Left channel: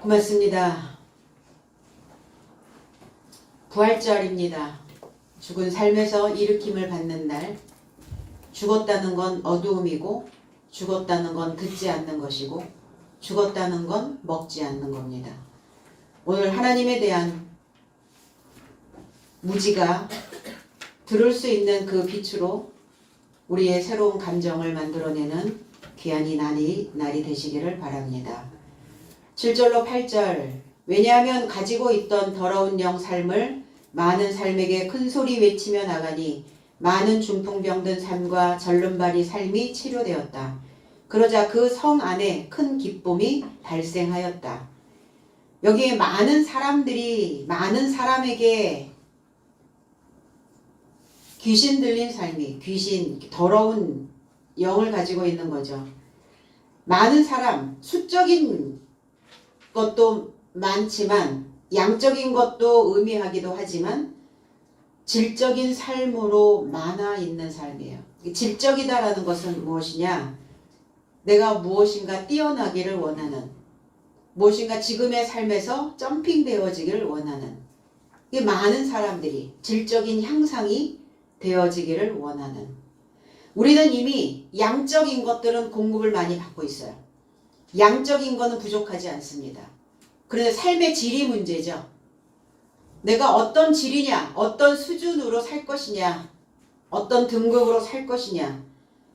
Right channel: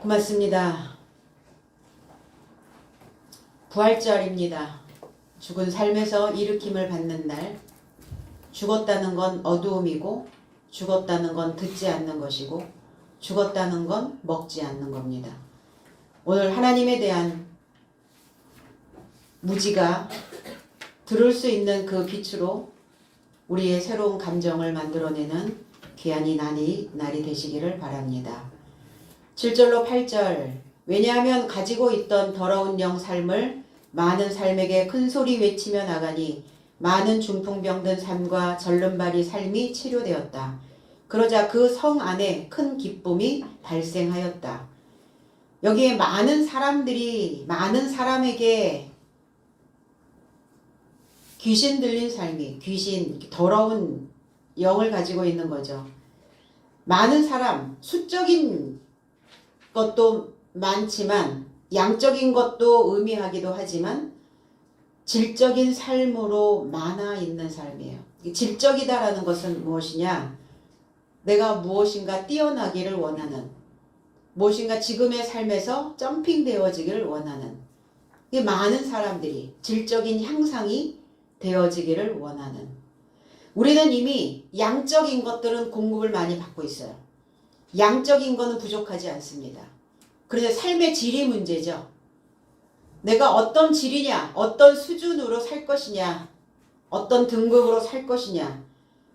고맙습니다. 부활절입니다. 죽은 삶에서 일으킴을 받는 날. 죽었다는 건 어두움이고, 죽었다는 건 듣지 않는 것이고, 죽었다는 건 먹지 않는 겁니다. 오늘 하나님에 대한 무지가 들을 수 있는 그 빛으로 우리의 새로운 감정을 만들어내는 귀한 이 날이 되시기를 바랍니다. 7절로 8절. 왜냐하면 가지고 있던 더러운 영 삶을 많은 삶에게 큰 소리 외치며 나가니 많은 중풍병든 삶과 절름발이 삶이 치료되었다. 그러자 그 성 안에 큰 기쁨이 발생하였다. 여기에 많은 사람에게 귀신 들린 삶이, 더러운 영을 가지고 있는 거죠. 많은 사람, 수적인 것도 많지만 양적인 것도 의미하기도 하지만 질적인 삶으로 많아 있는 삶이에요. 질적이다라는 것은 무엇이냐? 내가 무엇인가 뛰어나기를 원하는, 무엇인가 지금의 삶에서 점핑되어지기를 원하는, 이게 많은 사람들이 질적인 향상이 되어지기를 원하는. 우리는 이미 양적인 것들은 공급을 많이 받고 있어요. 양적인 거는 부족하지 않습니다. 그런데 삶의 질이 문제죠. 내가 어떤 질이냐, 어떤 수준으로 살 것이냐, 어떤 등급으로 살 것이냐.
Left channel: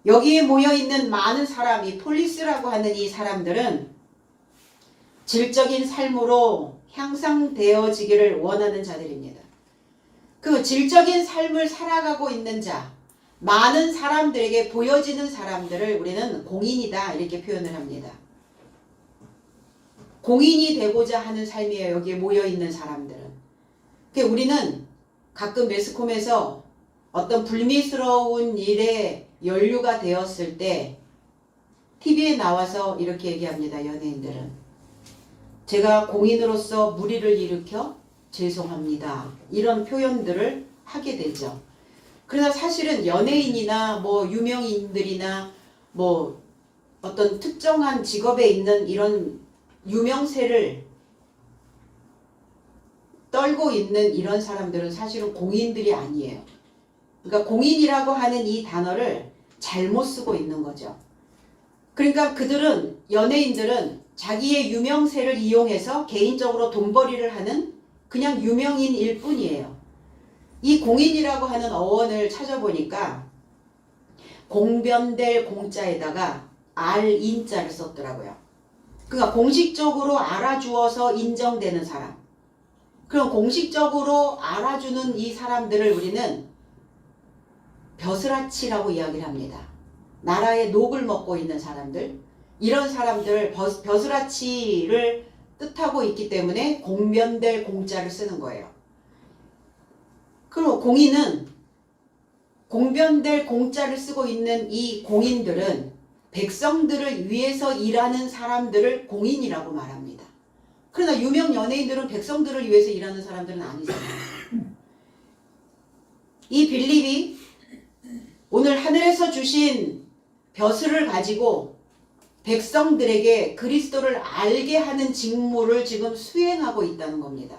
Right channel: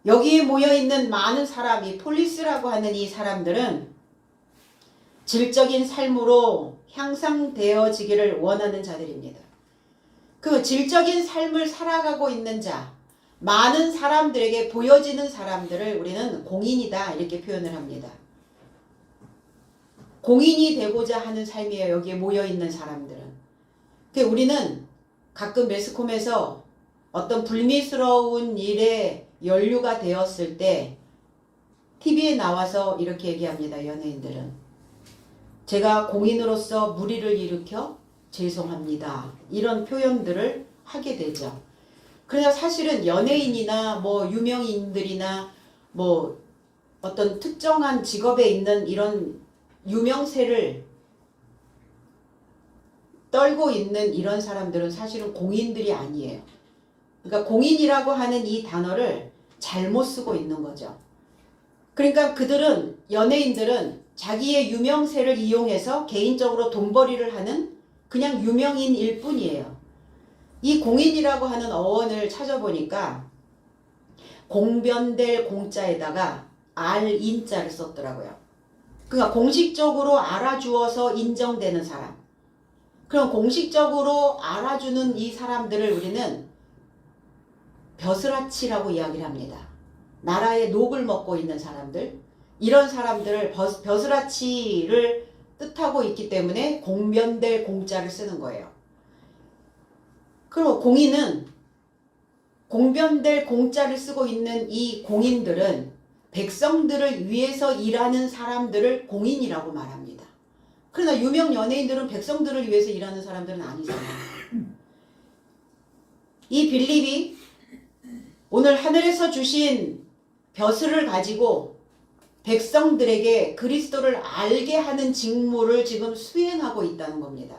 여기에 모여있는 많은 사람이, 폴리스라고 하는 이 사람들은 질적인 삶으로 향상되어지기를 원하는 자들입니다. 그 질적인 삶을 살아가고 있는 자, 많은 사람들에게 보여지는 사람들을 우리는 공인이다 이렇게 표현을 합니다. 공인이 되고자 하는 삶이에요. 여기에 모여있는 사람들은. 우리는 가끔 매스컴에서 어떤 불미스러운 일에 연루가 되었을 때 TV에 나와서 이렇게 얘기합니다. 연예인들은. 제가 공인으로서 무리를 일으켜 죄송합니다. 이런 표현들을 하게 되죠. 그러나 사실은 연예인이나 유명인들이나 어떤 특정한 직업에 있는 이런 유명세를 떨고 있는 이런 사람들은 사실은 공인들이 아니에요. 그러니까 공인이라고 하는 이 단어를 잘못 쓰고 있는 거죠. 그러니까 연예인들은 자기의 유명세를 이용해서 개인적으로 돈벌이를 하는 그냥 유명인일 뿐이에요. 이 공인이라고 하는 어원을 찾아보니까 공변될 공자에다가 알인자를 썼더라고요. 그러니까 공식적으로 알아주어서 인정되는 사람. 그럼 공식적으로 알아주는 이 사람들을 우리는 벼슬아치라고 이야기를 합니다. 나라의 녹을 먹고 있는 사람들. 이런 사람들을 벼슬아치를 뜻하고 있기 때문에 공변될 공자를 쓰는 거예요. 그리고 공변될 공자를 쓰고 있는 이 공인들은 백성들을 위해서 일하는 사람들을 공인이라고 말합니다. 그러나 유명 연예인들은 백성들을 위해서 일하는 사람들은 아니잖아요. 이 빌립이 오늘 하늘에서 주신 벼슬을 가지고 백성들에게 그리스도를 알게 하는 직무를 지금 수행하고 있다는 겁니다.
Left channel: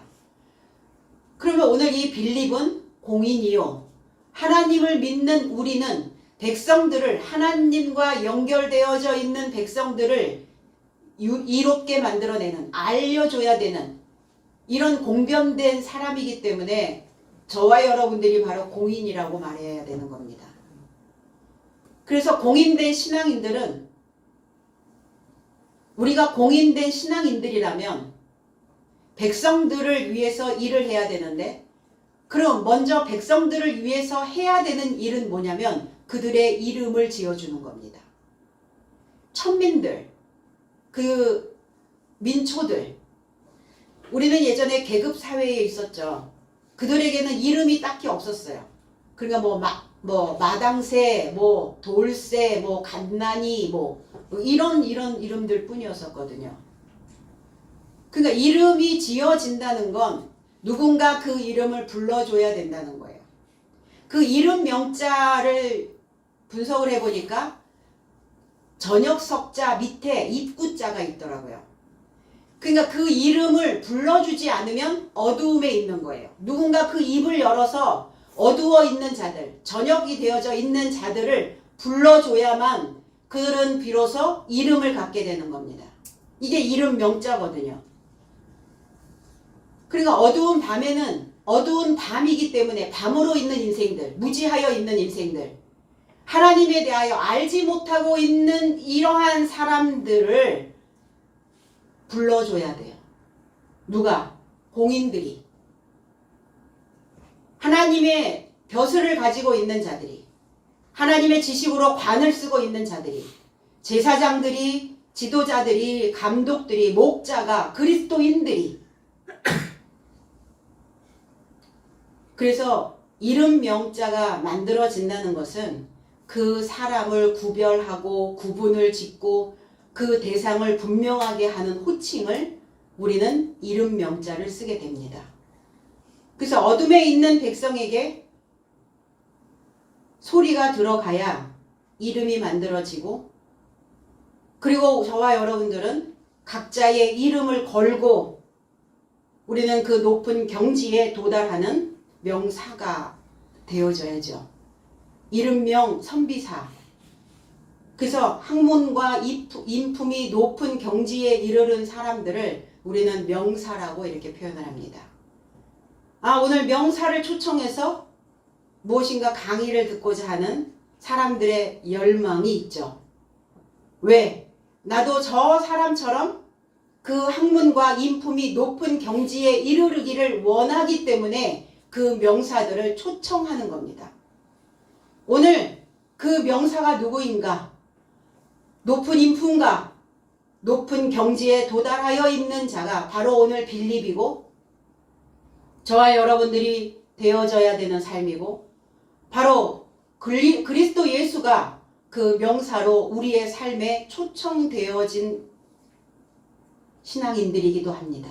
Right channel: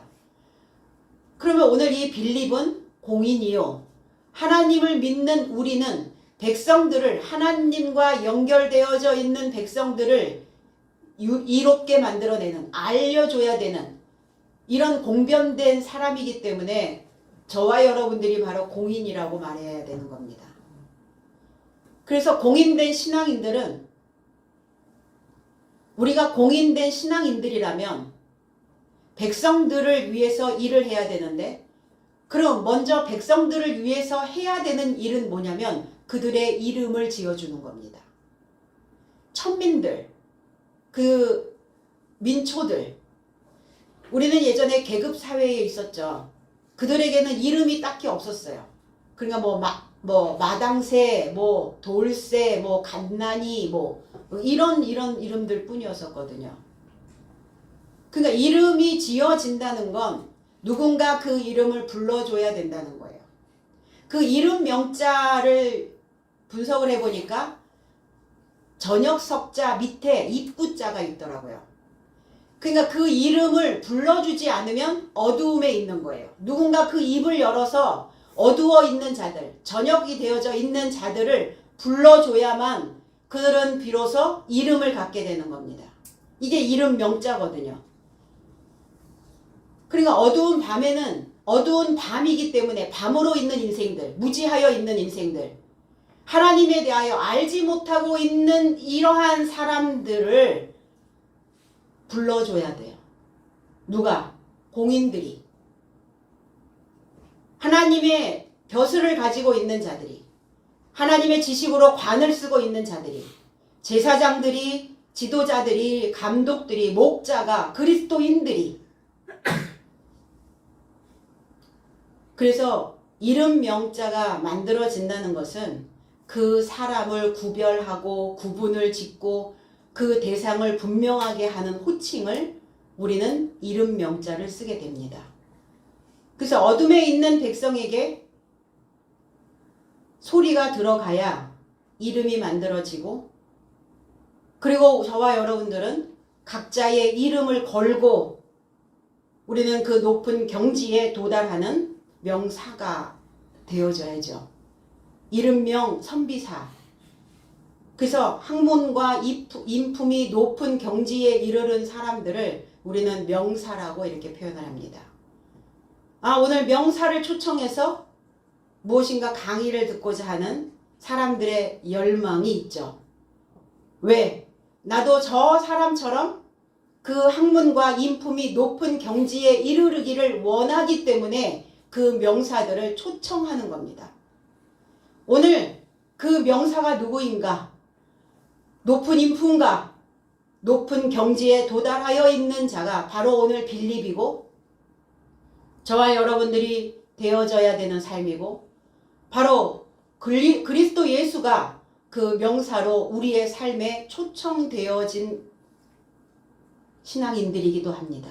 그러면 오늘 이 빌립은 공인이요. 하나님을 믿는 우리는 백성들을, 하나님과 연결되어져 있는 백성들을 이롭게 만들어내는, 알려줘야 되는 이런 공변된 사람이기 때문에 저와 여러분들이 바로 공인이라고 말해야 되는 겁니다. 그래서 공인된 신앙인들은, 우리가 공인된 신앙인들이라면 백성들을 위해서 일을 해야 되는데, 그럼 먼저 백성들을 위해서 해야 되는 일은 뭐냐면 그들의 이름을 지어주는 겁니다. 천민들, 그 민초들. 우리는 예전에 계급사회에 있었죠. 그들에게는 이름이 딱히 없었어요. 그러니까 마당새, 돌새, 갓난이, 이런 이름들 뿐이었었거든요. 그러니까 이름이 지어진다는 건 누군가 그 이름을 불러줘야 된다는 거예요. 그 이름 명자를 분석을 해보니까 전역석자 밑에 입구자가 있더라고요. 그러니까 그 이름을 불러주지 않으면 어두움에 있는 거예요. 누군가 그 입을 열어서 어두워 있는 자들, 저녁이 되어져 있는 자들을 불러줘야만 그들은 비로소 이름을 갖게 되는 겁니다. 이게 이름 명자거든요. 그러니까 어두운 밤에는 어두운 밤이기 때문에 밤으로 있는 인생들, 무지하여 있는 인생들, 하나님에 대하여 알지 못하고 있는 이러한 사람들을 불러줘야 돼요. 누가? 공인들이. 하나님의 벼슬을 가지고 있는 자들이, 하나님의 지식으로 관을 쓰고 있는 자들이, 제사장들이, 지도자들이, 감독들이, 목자가, 그리스도인들이. 그래서 이름 명자가 만들어진다는 것은 그 사람을 구별하고 구분을 짓고 그 대상을 분명하게 하는 호칭을 우리는 이름 명자를 쓰게 됩니다. 그래서 어둠에 있는 백성에게 소리가 들어가야 이름이 만들어지고, 그리고 저와 여러분들은 각자의 이름을 걸고 우리는 그 높은 경지에 도달하는 명사가 되어져야죠. 이름명 선비사. 그래서 학문과 인품이 높은 경지에 이르는 사람들을 우리는 명사라고 이렇게 표현을 합니다. 오늘 명사를 초청해서 무엇인가 강의를 듣고자 하는 사람들의 열망이 있죠. 왜? 나도 저 사람처럼 그 학문과 인품이 높은 경지에 이르르기를 원하기 때문에 그 명사들을 초청하는 겁니다. 오늘 그 명사가 누구인가? 높은 인품과 높은 경지에 도달하여 있는 자가 바로 오늘 빌립이고, 저와 여러분들이 되어져야 되는 삶이고, 바로 그리스도 예수가 그 명사로 우리의 삶에 초청되어진 신앙인들이기도 합니다.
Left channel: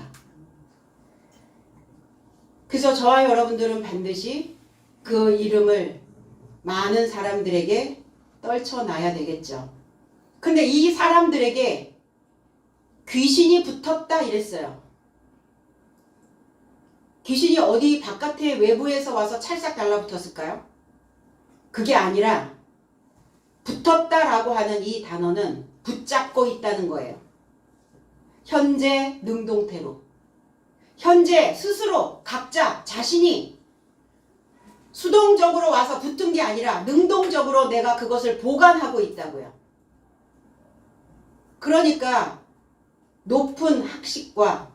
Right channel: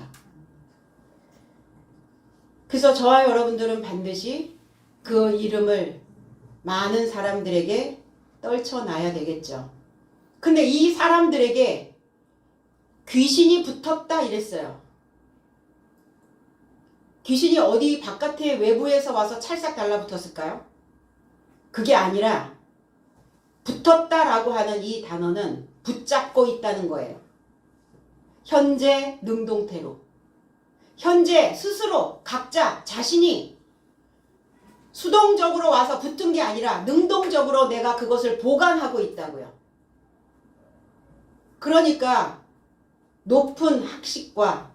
그래서 저와 여러분들은 반드시 그 이름을 많은 사람들에게 떨쳐놔야 되겠죠. 근데 이 사람들에게 귀신이 붙었다 이랬어요. 귀신이 어디 바깥에 외부에서 와서 찰싹 달라붙었을까요? 그게 아니라 붙었다라고 하는 이 단어는 붙잡고 있다는 거예요. 현재 능동태로. 현재 스스로 각자 자신이 수동적으로 와서 붙은 게 아니라 능동적으로 내가 그것을 보관하고 있다고요. 그러니까 높은 학식과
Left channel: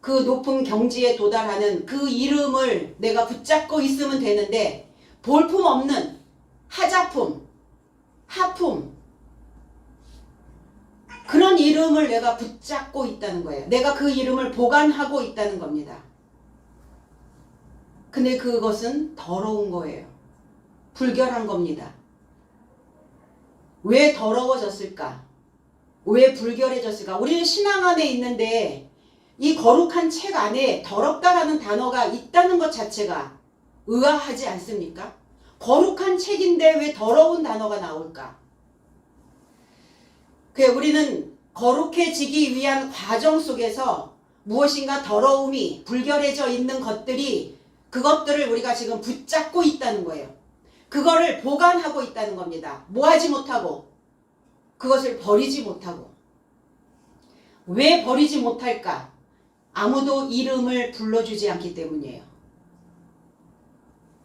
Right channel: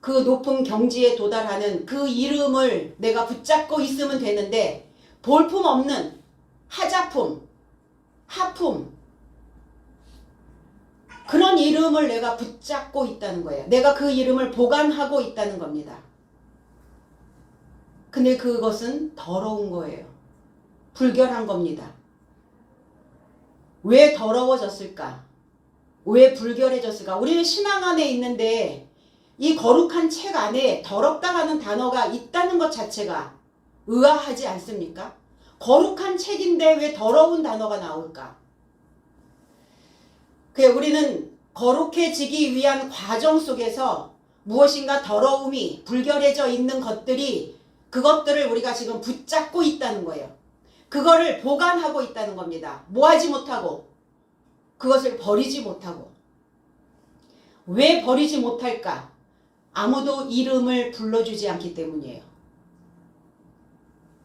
그 높은 경지에 도달하는 그 이름을 내가 붙잡고 있으면 되는데, 볼품없는 하자품, 하품, 그런 이름을 내가 붙잡고 있다는 거예요. 내가 그 이름을 보관하고 있다는 겁니다. 근데 그것은 더러운 거예요. 불결한 겁니다. 왜 더러워졌을까? 왜 불결해졌을까? 우리 신앙 안에 있는데 이 거룩한 책 안에 더럽다라는 단어가 있다는 것 자체가 의아하지 않습니까? 거룩한 책인데 왜 더러운 단어가 나올까? 우리는 거룩해지기 위한 과정 속에서 무엇인가 더러움이 불결해져 있는 것들이, 그것들을 우리가 지금 붙잡고 있다는 거예요. 그거를 보관하고 있다는 겁니다. 뭐하지 못하고, 그것을 버리지 못하고. 왜 버리지 못할까? 아무도 이름을 불러주지 않기 때문이에요.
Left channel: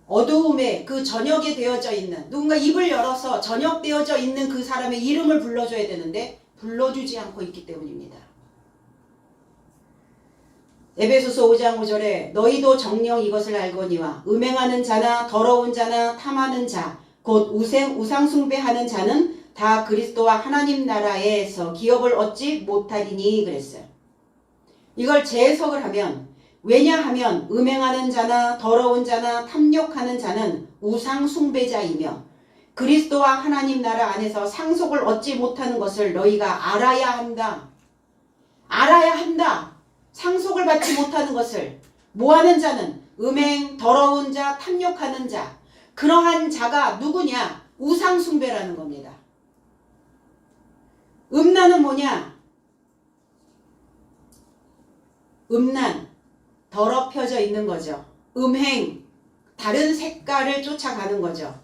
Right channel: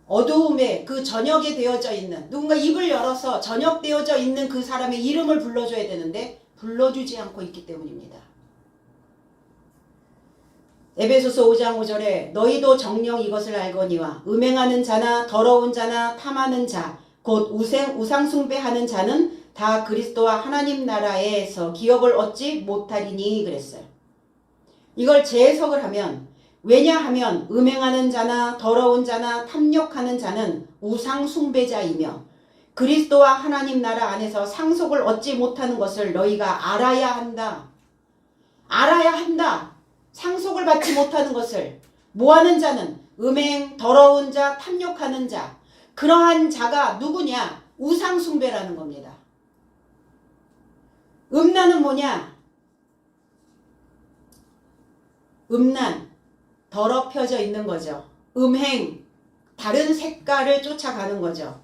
어두움에 그 저녁에 되어져 있는, 누군가 입을 열어서 저녁되어져 있는 그 사람의 이름을 불러줘야 되는데 불러주지 않고 있기 때문입니다. 에베소서 5장 5절에 너희도 정녕 이것을 알거니와 음행하는 자나 더러운 자나 탐하는 자 곧 우상 숭배하는 자는 다 그리스도와 하나님 나라에서 기업을 얻지 못하리니 그랬어요. 이걸 재해석을 하면, 왜냐하면 음행하는 자나 더러운 자나 탐욕하는 자는 우상 숭배자이며 그리스도와 하나님 나라 안에서 상속을 얻지 못하는 것을 너희가 알아야 한다. 알아야 한다. 상속을 받지 못하는 것을. 뭐하는 자는 음행, 더러운 자, 탐욕하는 자. 그러한 자가 누구냐? 우상 숭배라는 겁니다. 음란은 뭐냐? 음란, 더럽혀져 있는 거죠. 음행, 다른 색깔을 쫓아가는 거죠.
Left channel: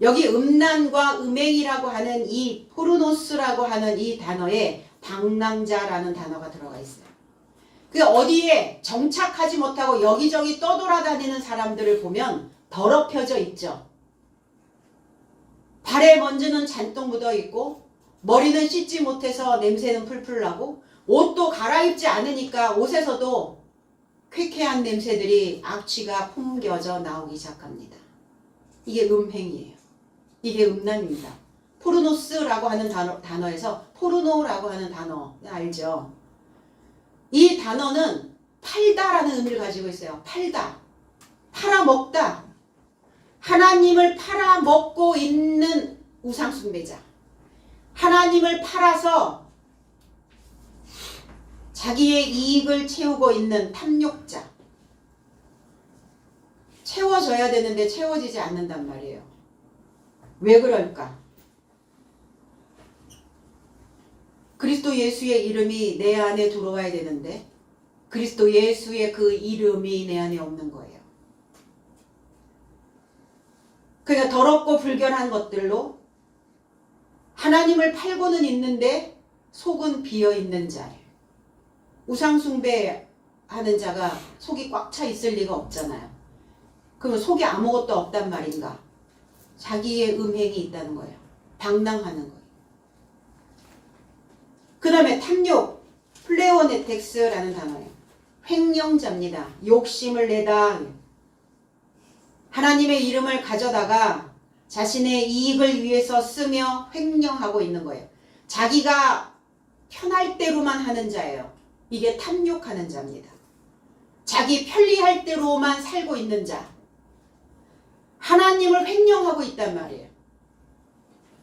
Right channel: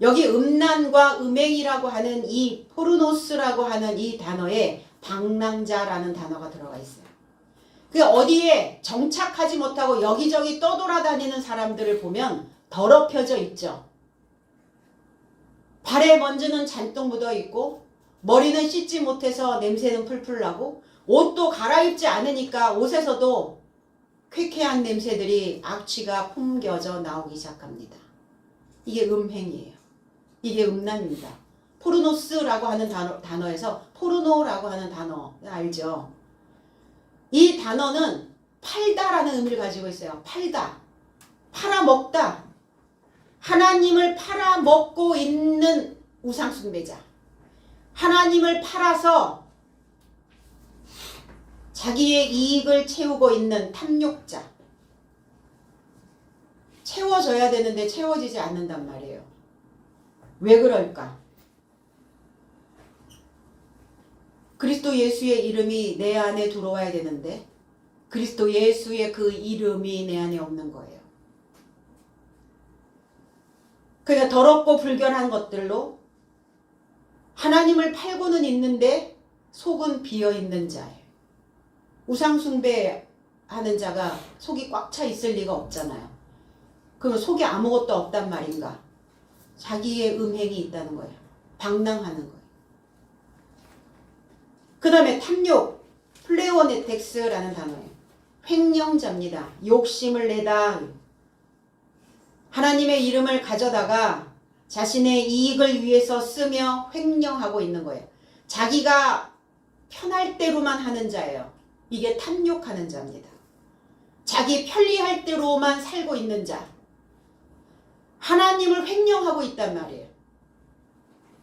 여기 음란과 음행이라고 하는 이 포르노스라고 하는 이 단어에 방랑자라는 단어가 들어가 있어요. 그 어디에 정착하지 못하고 여기저기 떠돌아다니는 사람들을 보면 더럽혀져 있죠. 발에 먼지는 잔뜩 묻어 있고 머리는 씻지 못해서 냄새는 풀풀 나고 옷도 갈아입지 않으니까 옷에서도 쾌쾌한 냄새들이 악취가 풍겨져 나오기 시작합니다. 이게 음행이에요. 이게 음란입니다. 포르노스라고 하는 단어에서 포르노라고 하는 단어 알죠? 이 단어는 팔다라는 의미를 가지고 있어요. 팔다, 팔아먹다. 하나님을 팔아먹고 있는 우상숭배자. 하나님을 팔아서 자기의 이익을 채우고 있는 탐욕자. 채워져야 되는데 채워지지 않는단 말이에요. 왜 그럴까? 그리스도 예수의 이름이 내 안에 들어와야 되는데 그리스도 예수의 그 이름이 내 안에 없는 거예요. 그러니까 더럽고 불결한 것들로 하나님을 팔고는 있는데 속은 비어있는 자예요. 우상숭배하는 자가 속이 꽉 차 있을 리가 없잖아요. 그러면 속에 아무것도 없단 말인가? 자기의 음행이 있다는 거예요. 방랑하는 거예요. 그 다음에 탐욕, 플레오네텍스라는 단어예요. 횡령자입니다. 욕심을 내다. 하나님의 이름을 가져다가 자신의 이익을 위해서 쓰며 횡령하고 있는 거예요. 자기가 편할 대로만 하는 자예요. 이게 탐욕하는 자입니다. 자기 편리할 대로만 살고 있는 자. 하나님을 횡령하고 있단 말이에요.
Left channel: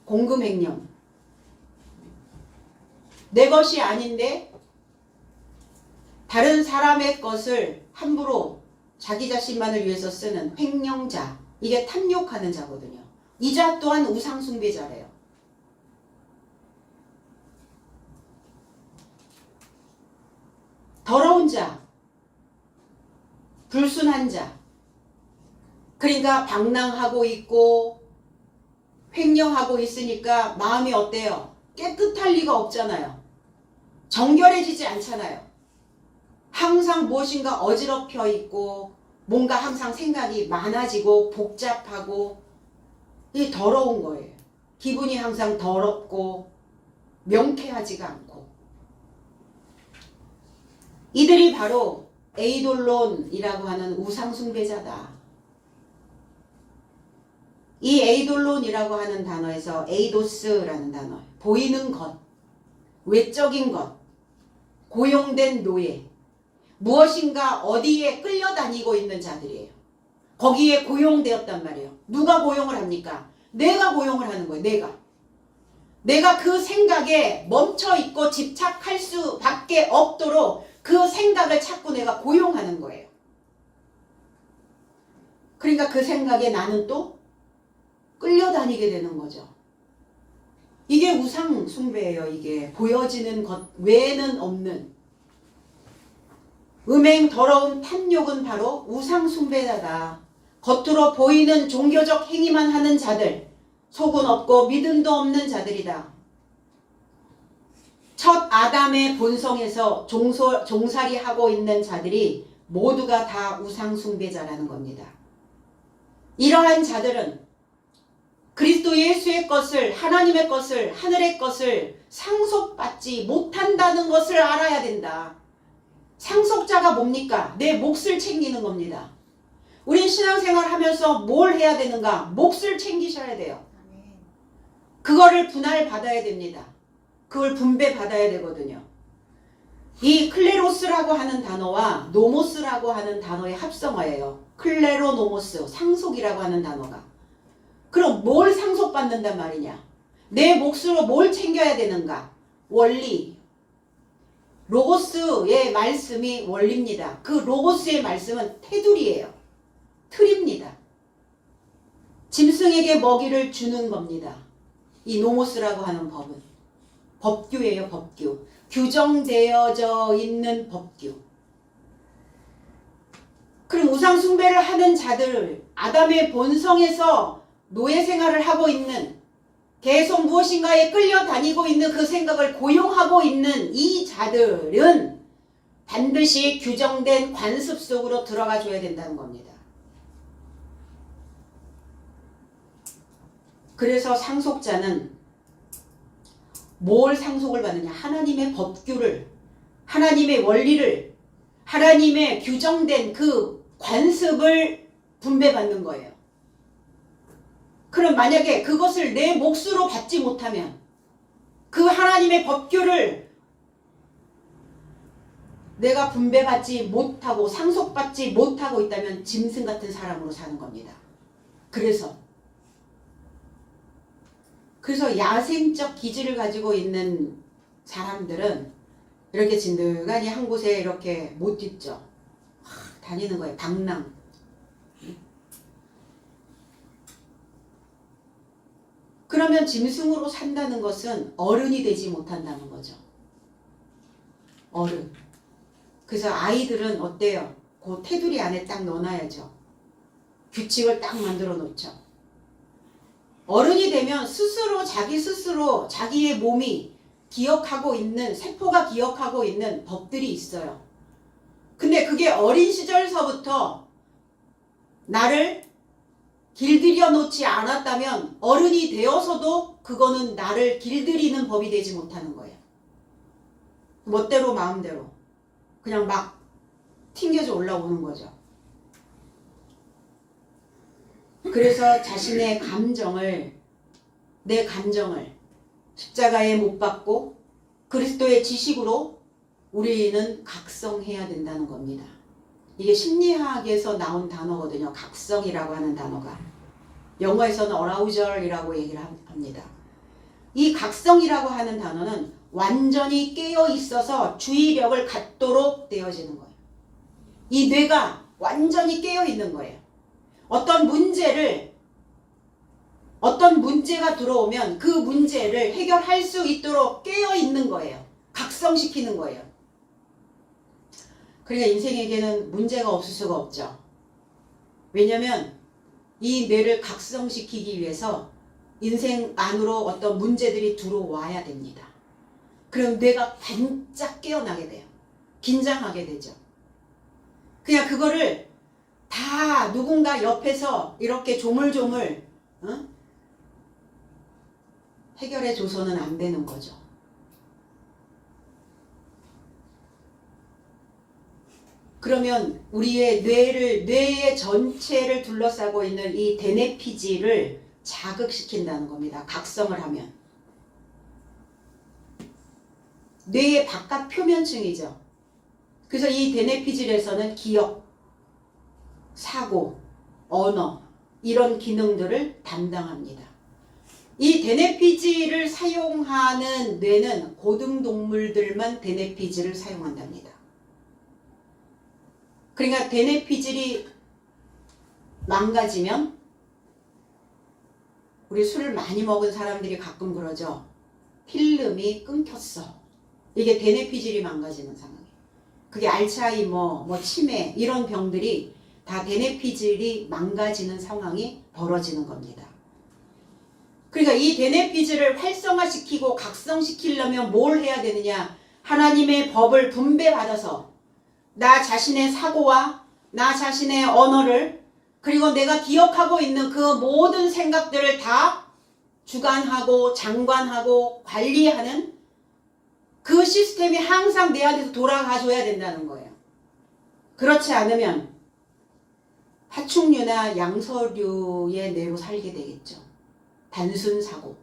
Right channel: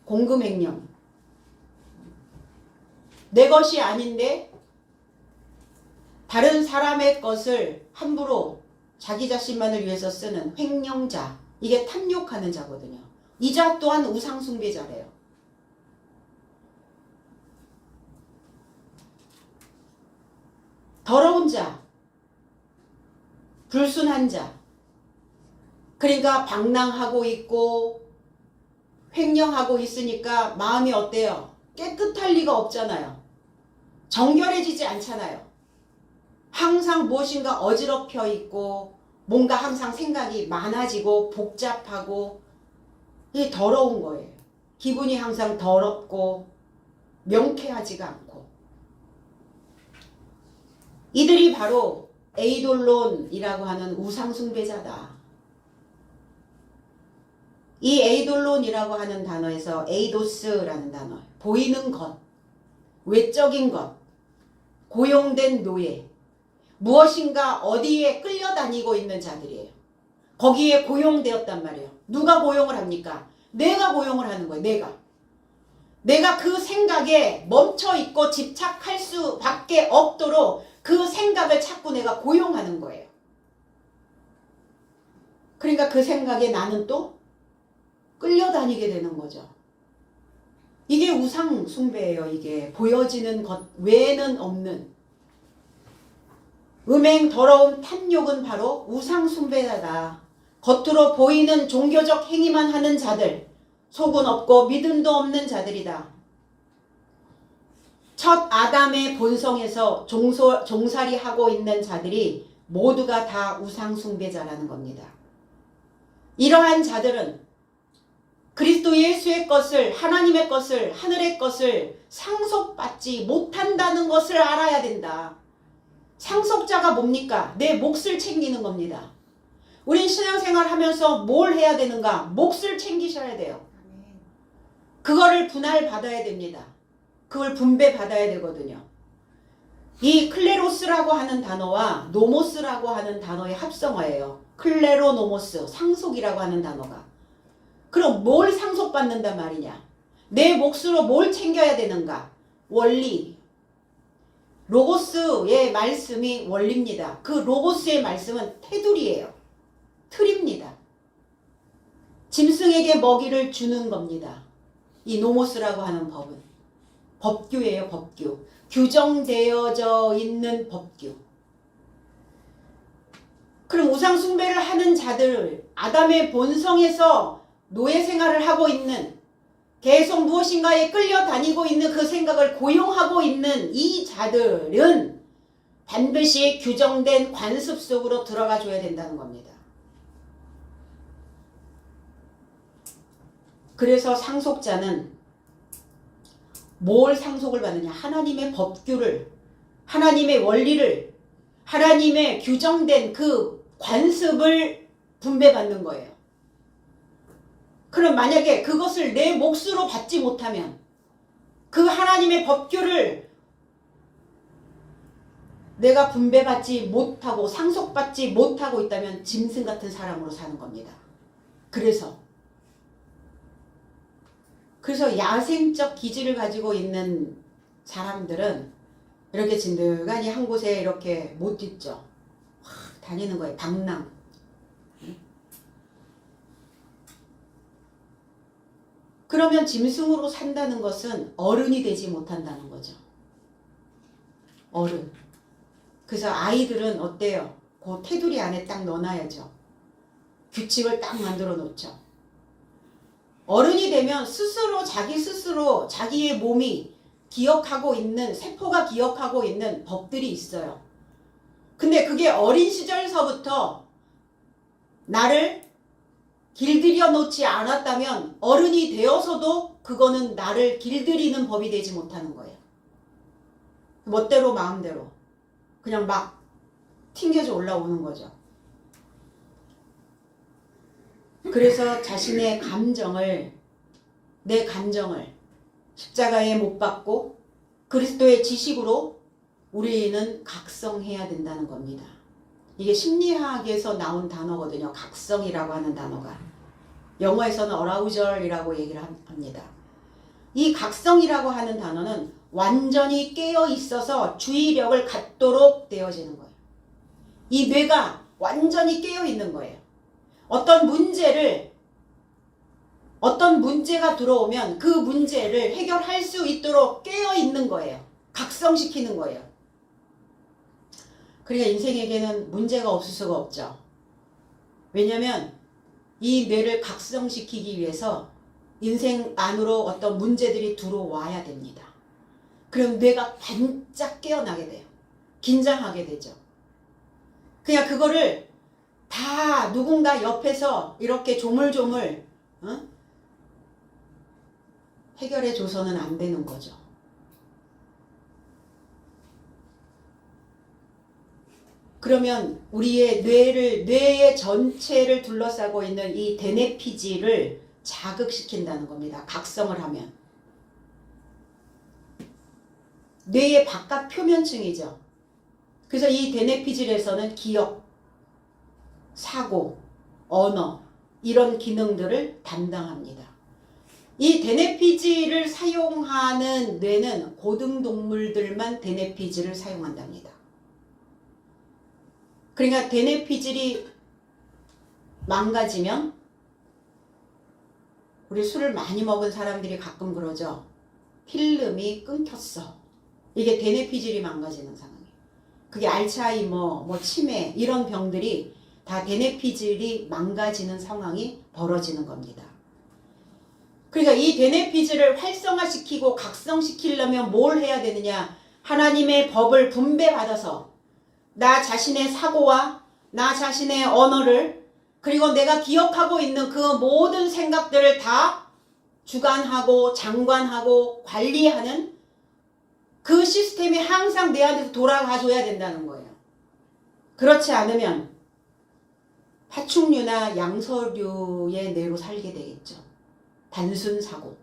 공금횡령. 내 것이 아닌데 다른 사람의 것을 함부로 자기 자신만을 위해서 쓰는 횡령자. 이게 탐욕하는 자거든요. 이 자 또한 우상숭배자래요. 더러운 자, 불순한 자. 그러니까 방랑하고 있고 횡령하고 있으니까 마음이 어때요? 깨끗할 리가 없잖아요. 정결해지지 않잖아요. 항상 무엇인가 어지럽혀 있고 뭔가 항상 생각이 많아지고 복잡하고 이게 더러운 거예요. 기분이 항상 더럽고 명쾌하지가 않고. 이들이 바로 에이돌론이라고 하는 우상숭배자다. 이 에이돌론이라고 하는 단어에서 에이도스라는 단어, 보이는 것, 외적인 것, 고용된 노예, 무엇인가 어디에 끌려다니고 있는 자들이에요. 거기에 고용되었단 말이에요. 누가 고용을 합니까? 내가 고용을 하는 거예요. 내가 그 생각에 멈춰있고 집착할 수밖에 없도록 그 생각을 자꾸 내가 고용하는 거예요. 그러니까 그 생각에 나는 또 끌려다니게 되는 거죠. 이게 우상 숭배예요. 이게 보여지는 것 외에는 없는 음행, 더러움, 탐욕은 바로 우상 숭배자다. 겉으로 보이는 종교적 행위만 하는 자들, 속은 없고 믿음도 없는 자들이다. 첫 아담의 본성에서 종살이하고 있는 자들이 모두가 다 우상 숭배자라는 겁니다. 이러한 자들은 그리스도 예수의 것을, 하나님의 것을, 하늘의 것을 상속받지 못한다는 것을 알아야 된다. 상속자가 뭡니까? 내 몫을 챙기는 겁니다. 우리 신앙생활 하면서 뭘 해야 되는가? 몫을 챙기셔야 돼요. 그거를 분할받아야 됩니다. 그걸 분배받아야 되거든요. 이 클레로스라고 하는 단어와 노모스라고 하는 단어의 합성어예요. 클레로 노모스, 상속이라고 하는 단어가. 그럼 뭘 상속받는단 말이냐? 내 몫으로 뭘 챙겨야 되는가? 원리. 로고스의 말씀이 원리입니다. 그 로고스의 말씀은 테두리예요. 틀입니다. 짐승에게 먹이를 주는 겁니다. 이 노모스라고 하는 법은. 법규예요. 법규. 규정되어져 있는 법규. 그럼 우상 숭배를 하는 자들, 아담의 본성에서 노예 생활을 하고 있는, 계속 무엇인가에 끌려다니고 있는 그 생각을 고용하고 있는 이 자들은 반드시 규정된 관습 속으로 들어가 줘야 된다는 겁니다. 그래서 상속자는 뭘 상속을 받느냐? 하나님의 법규를, 하나님의 원리를, 하나님의 규정된 그 관습을 분배받는 거예요. 그럼 만약에 그것을 내 몫으로 받지 못하면, 그 하나님의 법규를 내가 분배받지 못하고 상속받지 못하고 있다면 짐승 같은 사람으로 사는 겁니다. 그래서 야생적 기질을 가지고 있는 사람들은 이렇게 진득하니 한 곳에 이렇게 못 있죠. 다니는 거예요. 방랑. 그러면 짐승으로 산다는 것은 어른이 되지 못한다는 거죠. 어른. 그래서 아이들은 어때요? 그 테두리 안에 딱 넣어놔야죠. 규칙을 딱 만들어 놓죠. 어른이 되면 스스로 자기 스스로 자기의 몸이 기억하고 있는, 세포가 기억하고 있는 법들이 있어요. 근데 그게 어린 시절서부터 나를 길들여 놓지 않았다면 어른이 되어서도 그거는 나를 길들이는 법이 되지 못하는 거예요. 멋대로 마음대로 그냥 막 튕겨져 올라오는 거죠. 그래서 자신의 감정을, 내 감정을 십자가에 못 박고 그리스도의 지식으로 우리는 각성해야 된다는 겁니다. 이게 심리학에서 나온 단어거든요. 각성이라고 하는 단어가. 영어에서는 어라우절이라고 얘기를 합니다. 이 각성이라고 하는 단어는 완전히 깨어 있어서 주의력을 갖도록 되어지는 거예요. 이 뇌가 완전히 깨어 있는 거예요. 어떤 문제가 들어오면 그 문제를 해결할 수 있도록 깨어 있는 거예요. 각성시키는 거예요. 그러니까 인생에게는 문제가 없을 수가 없죠. 왜냐하면 이 뇌를 각성시키기 위해서 인생 안으로 어떤 문제들이 들어와야 됩니다. 그럼 뇌가 반짝 깨어나게 돼요. 긴장하게 되죠. 그냥 그거를 다 누군가 옆에서 이렇게 조물조물 해결해 줘서는 안 되는 거죠. 그러면 우리의 뇌의 전체를 둘러싸고 있는 이 대뇌피질을 자극시킨다는 겁니다. 각성을 하면. 뇌의 바깥 표면층이죠. 그래서 이 대뇌피질에서는 기억, 사고, 언어 이런 기능들을 담당합니다. 이 대뇌피질을 사용하는 뇌는 고등동물들만 대뇌피질을 사용한답니다. 그러니까 대뇌피질이 망가지면 우리 술을 많이 먹은 사람들이 가끔 그러죠. 필름이 끊겼어. 이게 대뇌피질이 망가지는 상황이에요. 그게 알츠하이머, 치매 이런 병들이 다 대뇌피질이 망가지는 상황이 벌어지는 겁니다. 그러니까 이 대뇌피질을 활성화시키고 각성시키려면 뭘 해야 되느냐? 하나님의 법을 분배받아서 나 자신의 사고와 나 자신의 언어를 그리고 내가 기억하고 있는 그 모든 생각들을 다 주관하고 장관하고 관리하는 그 시스템이 항상 내 안에서 돌아가줘야 된다는 거예요. 그렇지 않으면 파충류나 양서류의 뇌로 살게 되겠죠. 단순 사고.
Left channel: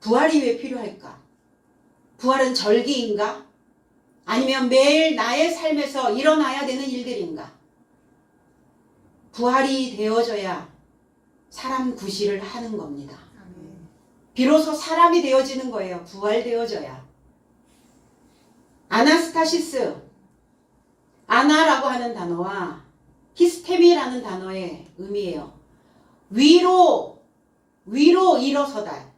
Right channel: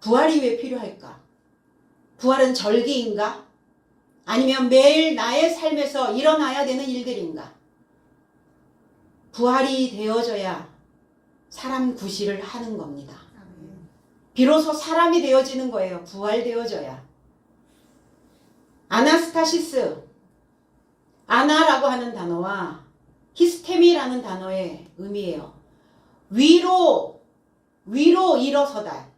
부활이 왜 필요할까? 부활은 절기인가? 아니면 매일 나의 삶에서 일어나야 되는 일들인가? 부활이 되어져야 사람 구실을 하는 겁니다. 비로소 사람이 되어지는 거예요. 부활되어져야. 아나스타시스, 아나라고 하는 단어와 히스테미라는 단어의 의미예요. 위로 일어서다.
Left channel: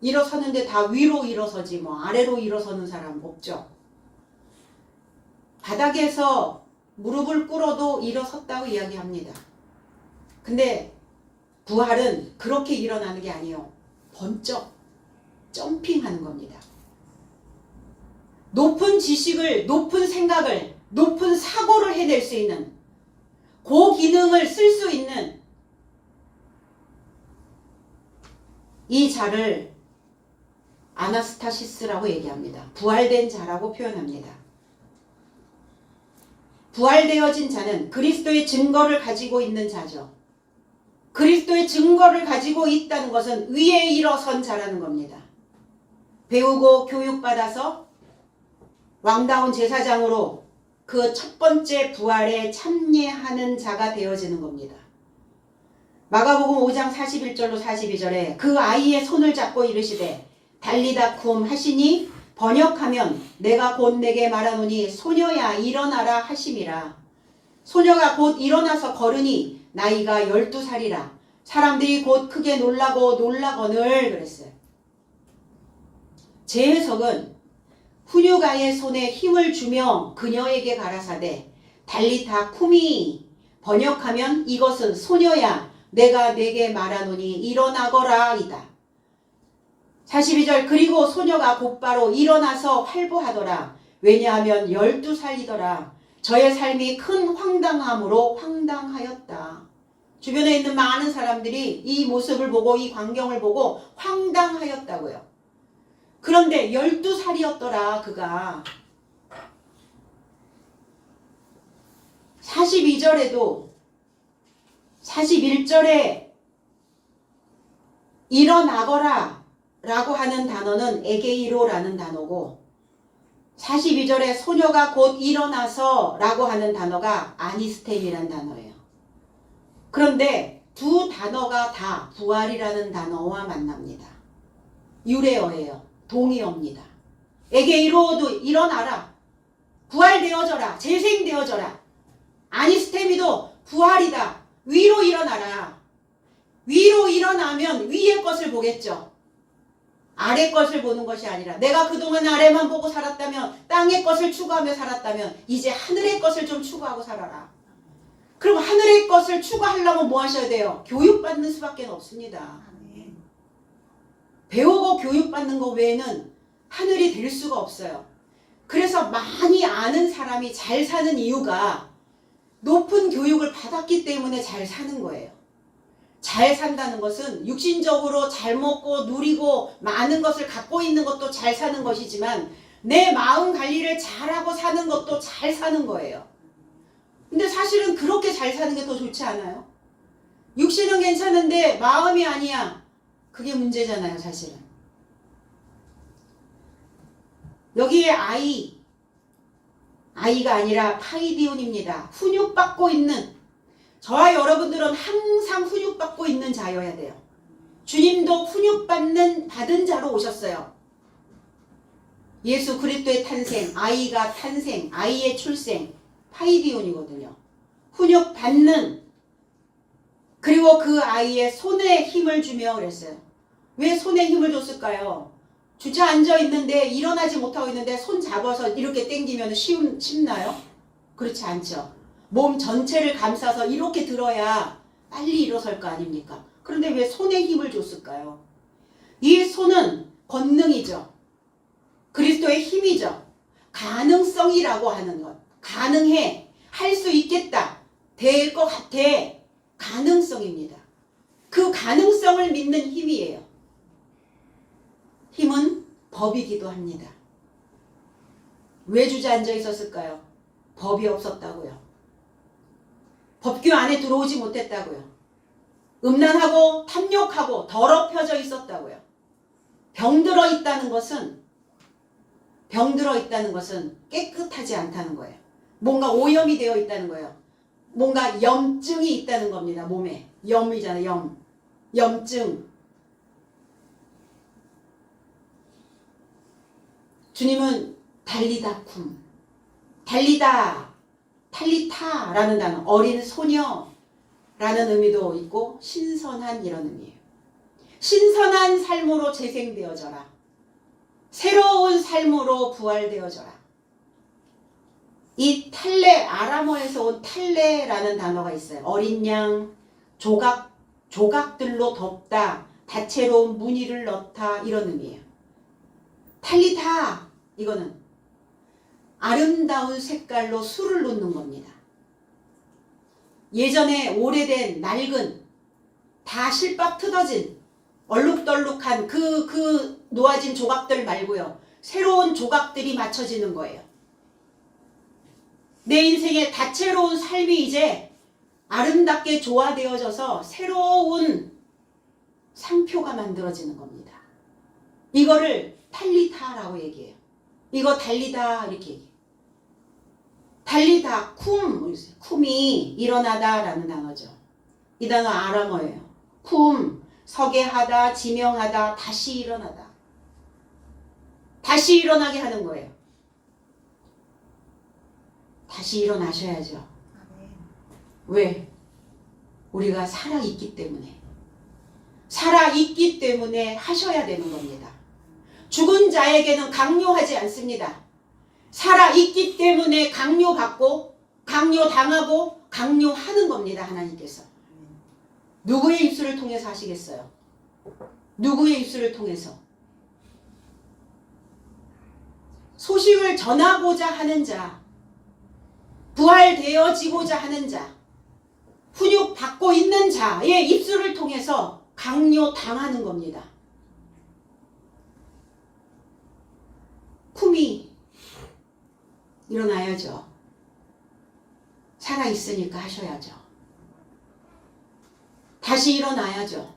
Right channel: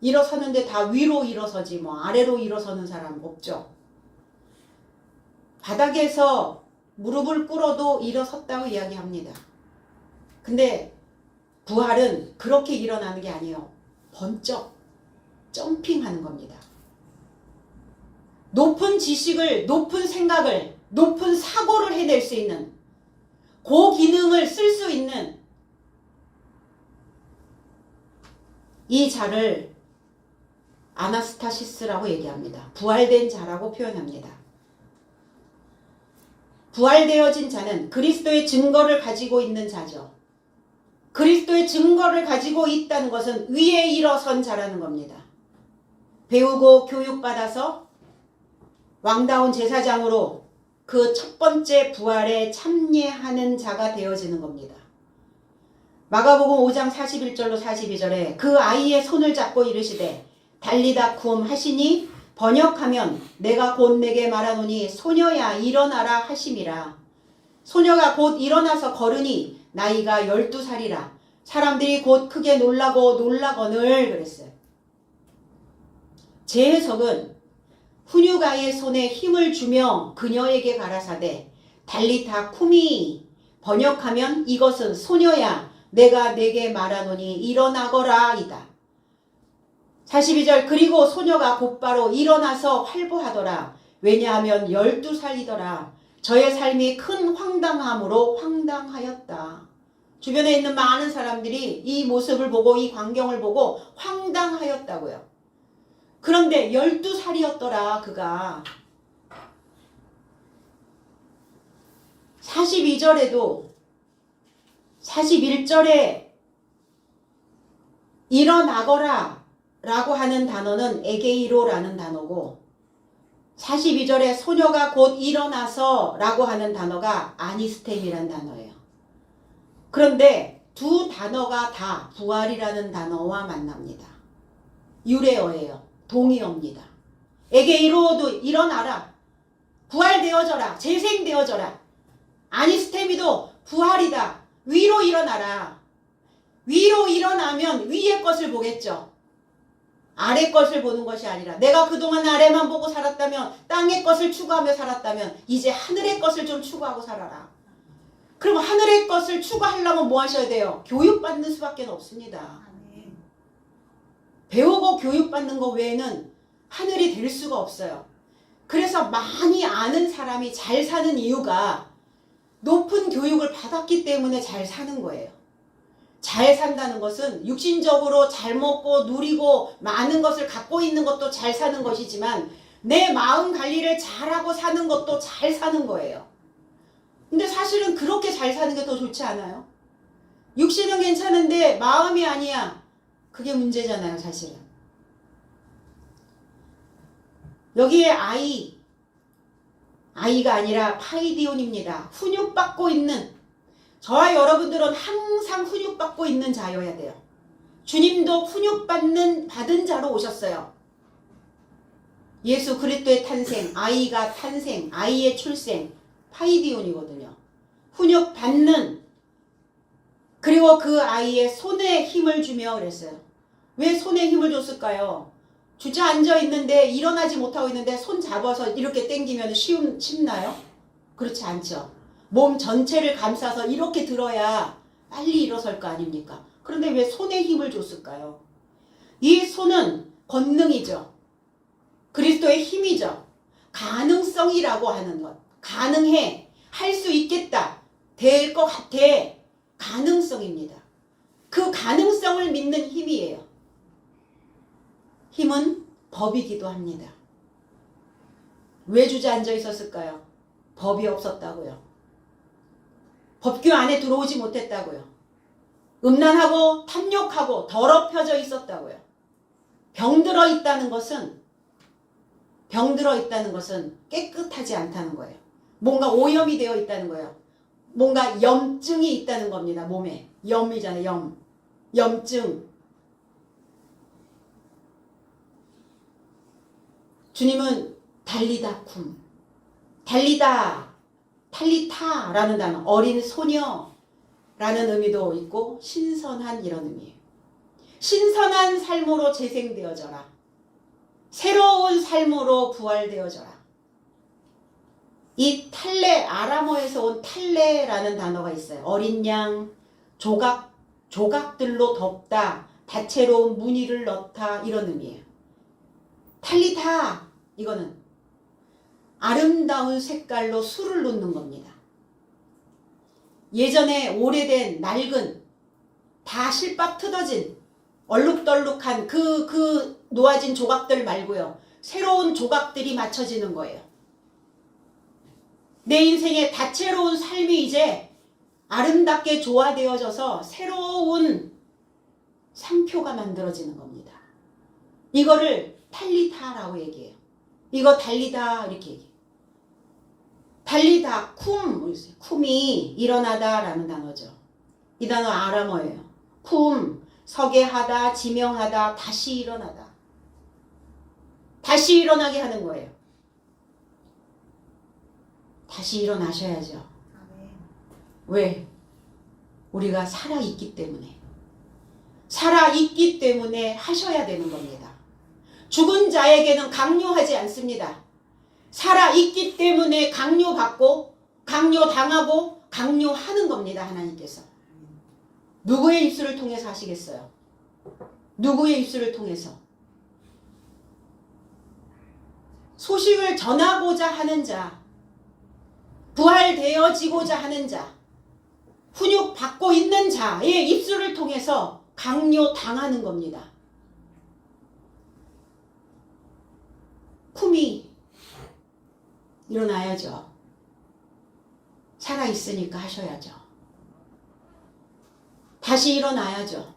일어서는데 다 위로 일어서지 아래로 일어서는 사람 없죠. 바닥에서 무릎을 꿇어도 일어섰다고 이야기합니다. 근데 부활은 그렇게 일어나는 게 아니에요. 번쩍 점핑하는 겁니다. 높은 지식을, 높은 생각을, 높은 사고를 해낼 수 있는, 고기능을 쓸 수 있는 이 자를 아나스타시스라고 얘기합니다. 부활된 자라고 표현합니다. 부활되어진 자는 그리스도의 증거를 가지고 있는 자죠. 그리스도의 증거를 가지고 있다는 것은 위에 일어선 자라는 겁니다. 배우고 교육받아서 왕다운 제사장으로 그 첫 번째 부활에 참여하는 자가 되어지는 겁니다. 마가복음 5장 41절로 42절에 그 아이의 손을 잡고 이르시되 달리다 쿰 하시니 번역하면 내가 곧 내게 말하노니 소녀야 일어나라 하심이라. 소녀가 곧 일어나서 걸으니 나이가 12살이라. 사람들이 곧 크게 놀라거늘 그랬어요. 제 해석은 훈육아이의 손에 힘을 주며 그녀에게 가라사대 달리다 쿰이, 번역하면 이것은 소녀야 내가 내게 말하노니 일어나거라 이다. 42절 그리고 소녀가 곧바로 일어나서 활보하더라. 왜냐하면 12살이더라. 저의 삶이 큰 황당함으로 황당하였다. 주변에 있는 많은 사람들이 이 모습을 보고 이 광경을 보고 황당하였다고요. 그런데 12살이었더라 그가. 42절에도 41절에 일어나거라 라고 하는 단어는 에게이로라는 단어고 42절에 소녀가 곧 일어나서 라고 하는 단어가 아니스템이라는 단어예요. 그런데 두 단어가 다 부활이라는 단어와 만납니다. 유래어예요. 동의어입니다. 에게이로도 일어나라. 부활되어져라. 재생되어져라. 아니스테미도 부활이다. 위로 일어나라. 위로 일어나면 위의 것을 보겠죠. 아래 것을 보는 것이 아니라 내가 그동안 아래만 보고 살았다면 땅의 것을 추구하며 살았다면 이제 하늘의 것을 좀 추구하고 살아라. 그럼 하늘의 것을 추구하려면 뭐 하셔야 돼요? 교육받는 수밖에 없습니다. 배우고 교육받는 것 외에는 하늘이 될 수가 없어요. 그래서 많이 아는 사람이 잘 사는 이유가 높은 교육을 받았기 때문에 잘 사는 거예요. 잘 산다는 것은 육신적으로 잘 먹고 누리고 많은 것을 갖고 있는 것도 잘 사는 것이지만 내 마음 관리를 잘하고 사는 것도 잘 사는 거예요. 근데 사실은 그렇게 잘 사는 게 더 좋지 않아요? 육신은 괜찮은데 마음이 아니야. 그게 문제잖아요, 사실은. 여기에 아이가 아니라 파이디온입니다. 훈육받고 있는, 저와 여러분들은 항상 훈육받고 있는 자여야 돼요. 주님도 받은 자로 오셨어요. 예수 그리스도의 탄생, 아이가 탄생, 아이의 출생, 파이디온이거든요. 훈육받는, 그리고 그 아이의 손에 힘을 주며 그랬어요. 왜 손에 힘을 줬을까요? 주저앉아 있는데 일어나지 못하고 있는데 손 잡아서 이렇게 당기면 쉽나요? 그렇지 않죠. 몸 전체를 감싸서 이렇게 들어야 빨리 일어설 거 아닙니까? 그런데 왜 손에 힘을 줬을까요? 이 손은 권능이죠. 그리스도의 힘이죠. 가능성이라고 하는 것. 가능해. 할 수 있겠다. 될 것 같아. 가능성입니다. 그 가능성을 믿는 힘이에요. 힘은 법이기도 합니다. 왜 주저앉아 있었을까요? 법이 없었다고요. 법규 안에 들어오지 못했다고요. 음란하고 탐욕하고 더럽혀져 있었다고요. 병들어 있다는 것은 깨끗하지 않다는 거예요. 뭔가 오염이 되어 있다는 거예요. 뭔가 염증이 있다는 겁니다. 몸에. 염이잖아요. 염증. 주님은 달리다쿰, 달리다, 탈리타라는 단어, 어린 소녀라는 의미도 있고 신선한 이런 의미예요. 신선한 삶으로 재생되어져라. 새로운 삶으로 부활되어져라. 이 탈레, 아람어에서 온 탈레라는 단어가 있어요. 어린 양, 조각들로 덮다, 다채로운 무늬를 넣다, 이런 의미예요. 탈리타, 이거는 아름다운 색깔로 술을 놓는 겁니다. 예전에 오래된 낡은 다 실밥 뜯어진 얼룩덜룩한 그 놓아진 조각들 말고요. 새로운 조각들이 맞춰지는 거예요. 내 인생의 다채로운 삶이 이제 아름답게 조화되어져서 새로운 상표가 만들어지는 겁니다. 이거를 탈리타라고 얘기해요. 이거 달리다 이렇게 얘기해요. 달리다, 쿰이 일어나다라는 단어죠. 이 단어 아람어예요. 쿰, 서게 하다, 지명하다, 다시 일어나다. 다시 일어나게 하는 거예요. 다시 일어나셔야죠. 왜? 우리가 살아있기 때문에. 살아있기 때문에 하셔야 되는 겁니다. 죽은 자에게는 강요하지 않습니다. 살아있기 때문에 강요받고 강요당하고 강요하는 겁니다. 하나님께서. 누구의 입술을 통해서 하시겠어요? 누구의 입술을 통해서? 소식을 전하고자 하는 자, 부활되어지고자 하는 자, 훈육 받고 있는 자의 입술을 통해서 강요당하는 겁니다. 쿰이 일어나야죠. 살아있으니까 하셔야죠. 다시 일어나야죠.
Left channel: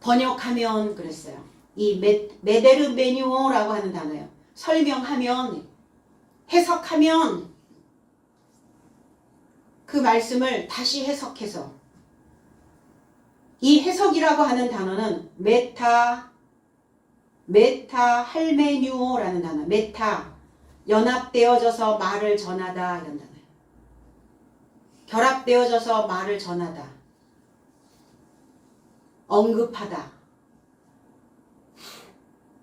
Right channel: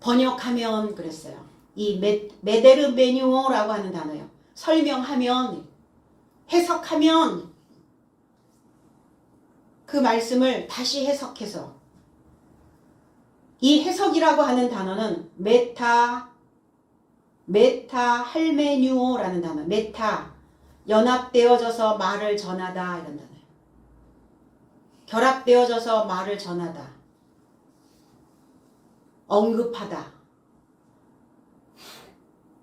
번역하면 그랬어요. 이 메데르메뉴오라고 하는 단어예요. 설명하면, 해석하면 그 말씀을 다시 해석해서 이 해석이라고 하는 단어는 메타 할메뉴오라는 단어. 메타 연합되어져서 말을 전하다 이런 단어예요. 결합되어져서 말을 전하다. 언급하다.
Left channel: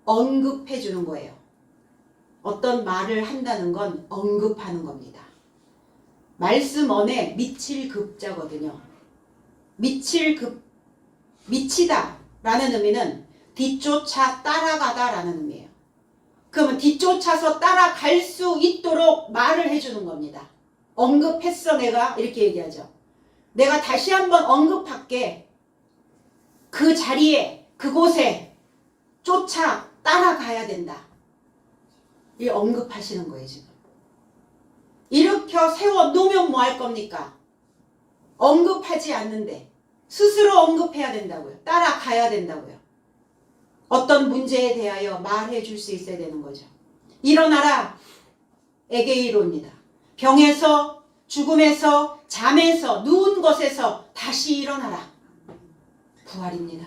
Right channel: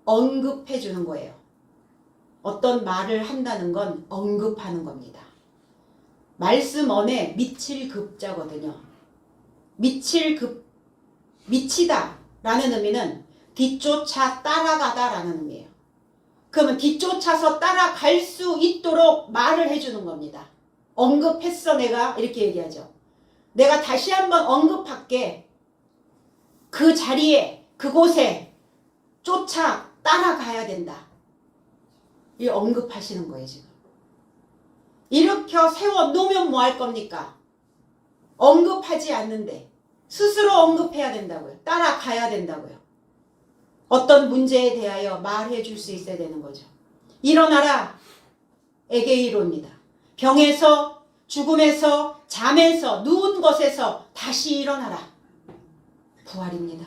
언급해 주는 거예요. 어떤 말을 한다는 건 언급하는 겁니다. 말씀 언에 미칠 급자거든요. 미치다 라는 의미는 뒤쫓아 따라가다 라는 의미예요. 그러면 뒤쫓아서 따라갈 수 있도록 말을 해주는 겁니다. 언급했어 내가 이렇게 얘기하죠. 내가 다시 한번 언급할게. 그 자리에 그곳에 쫓아 따라가야 된다. 이 언급하시는 거예요 지금. 일으켜 세워 놓으면 뭐 할 겁니까? 언급하지 않는데 스스로 언급해야 된다고요. 따라가야 된다고요. 어떤 문제에 대하여 말해 줄 수 있어야 되는 거죠. 일어나라. 에게이로입니다. 병에서, 죽음에서, 잠에서, 누운 것에서 다시 일어나라. 부활입니다.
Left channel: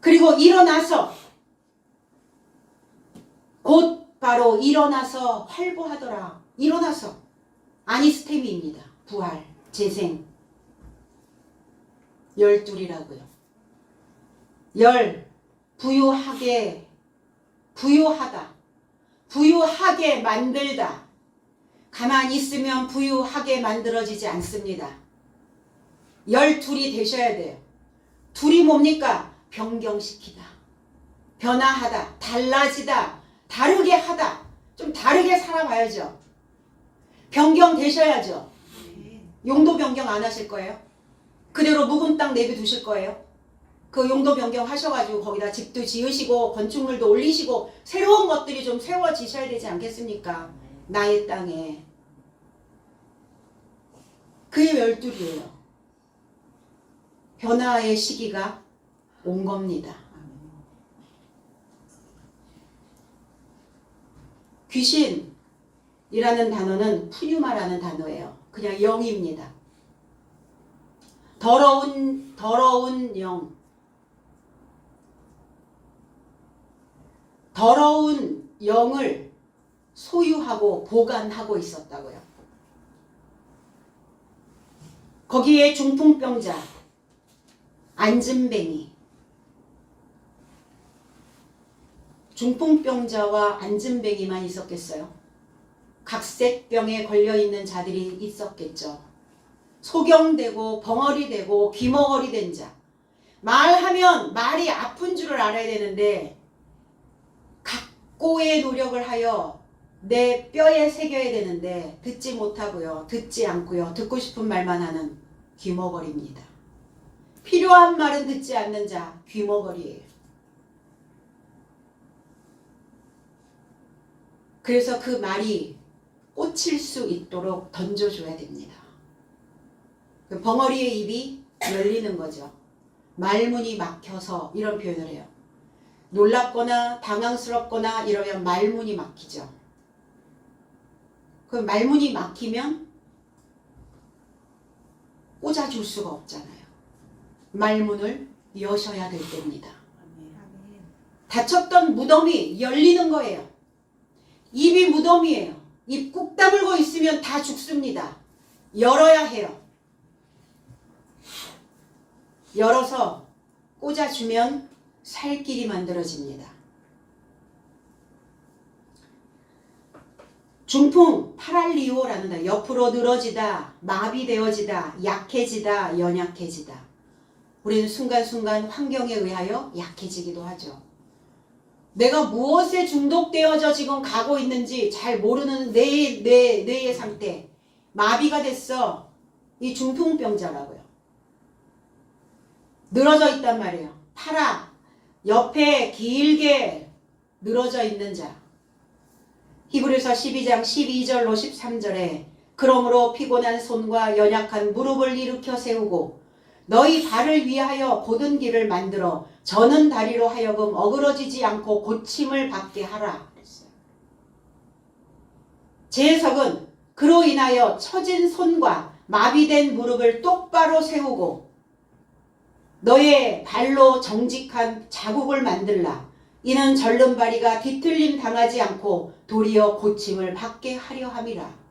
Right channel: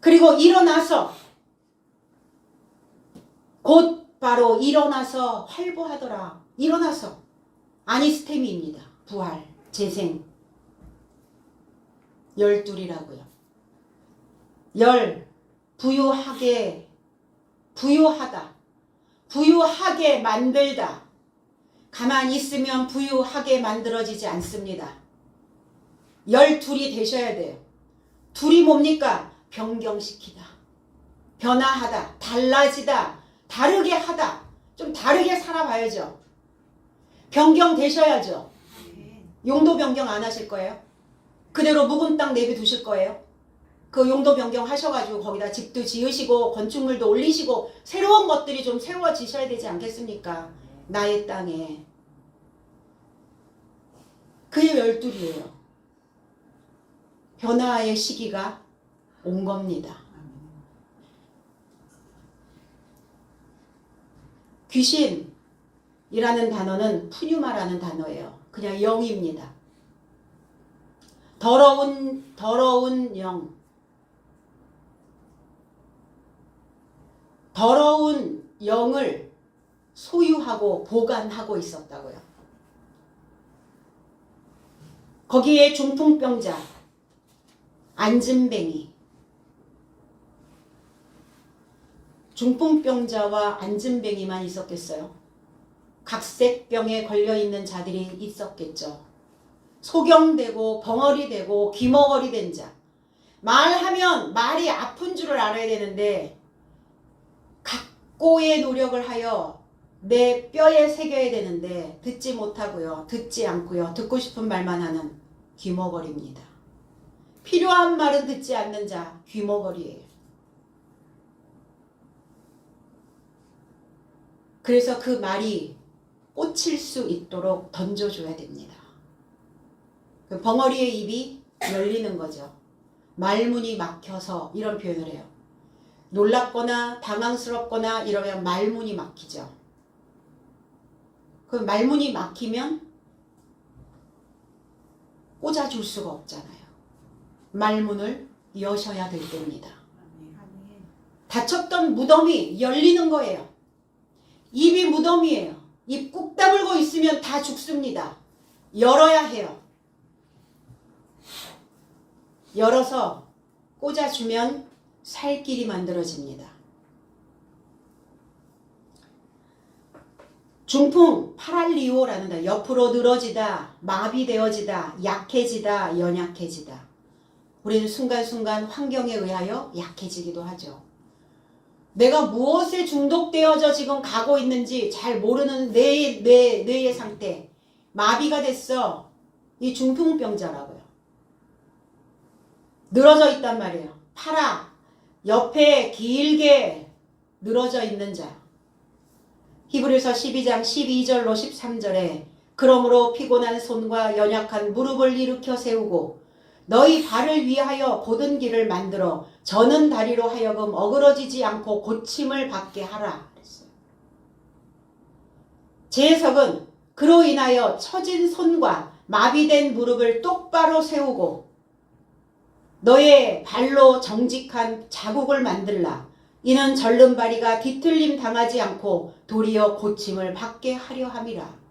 그리고 일어나서 곧바로 일어나서 활보하더라. 일어나서 아니스테미입니다. 부활, 재생. 열둘이라고요. 열, 부유하게, 부유하다. 부유하게 만들다. 가만히 있으면 부유하게 만들어지지 않습니다. 12이 되셔야 돼요. 둘이 뭡니까? 변경시키다. 변화하다. 달라지다. 다르게 하다. 좀 다르게 살아봐야죠. 변경되셔야죠. 용도 변경 안 하실 거예요? 그대로 묵은 땅 내비두실 거예요? 그 용도 변경 하셔가지고 거기다 집도 지으시고 건축물도 올리시고 새로운 것들이 좀 세워지셔야 되지 않겠습니까? 나의 땅에. 그게 12이에요. 변화의 시기가 온 겁니다. 귀신이라는 단어는 푸뉴마라는 단어예요. 그냥 영입니다. 더러운 영. 더러운 영을 소유하고 보관하고 있었다고요. 거기에 중풍병자, 안진뱅이, 중풍병자와 안진뱅이만 있었겠어요? 각색병에 걸려있는 자들이 있었겠죠. 소경되고 벙어리 되고 귀머거리 된 자. 말하면 말이 아픈 줄을 알아야 되는데 각고의 노력을 하여 내 뼈에 새겨야 되는데 듣지 못하고요. 듣지 않고요. 듣고 싶은 말만 하는 귀머거리입니다. 필요한 말은 듣지 않는 자 귀머거리예요. 그래서 그 말이 꽂힐 수 있도록 던져줘야 됩니다. 벙어리의 입이 열리는 거죠. 말문이 막혀서 이런 표현을 해요. 놀랍거나 당황스럽거나 이러면 말문이 막히죠. 그 말문이 막히면 꽂아줄 수가 없잖아요. 말문을 여셔야 될 때입니다. 닫혔던 무덤이 열리는 거예요. 입이 무덤이에요. 입 꾹 다물고 있으면 다 죽습니다. 열어야 해요. 열어서 꽂아주면 살 길이 만들어집니다. 중풍, 파랄리오라는 옆으로 늘어지다, 마비되어지다, 약해지다, 연약해지다. 우리는 순간순간 환경에 의하여 약해지기도 하죠. 내가 무엇에 중독되어져 지금 가고 있는지 잘 모르는 뇌의 상태, 마비가 됐어. 이 중풍병자라고요. 늘어져 있단 말이에요. 팔아, 옆에 길게 늘어져 있는 자. 히브리서 12장 12절로 13절에 그러므로 피곤한 손과 연약한 무릎을 일으켜 세우고 너희 발을 위하여 곧은 길을 만들어 저는 다리로 하여금 어그러지지 않고 고침을 받게 하라 그랬어요. 제 해석은 그로 인하여 처진 손과 마비된 무릎을 똑바로 세우고 너의 발로 정직한 자국을 만들라. 이는 절름발이가 뒤틀림 당하지 않고 도리어 고침을 받게 하려 함이라.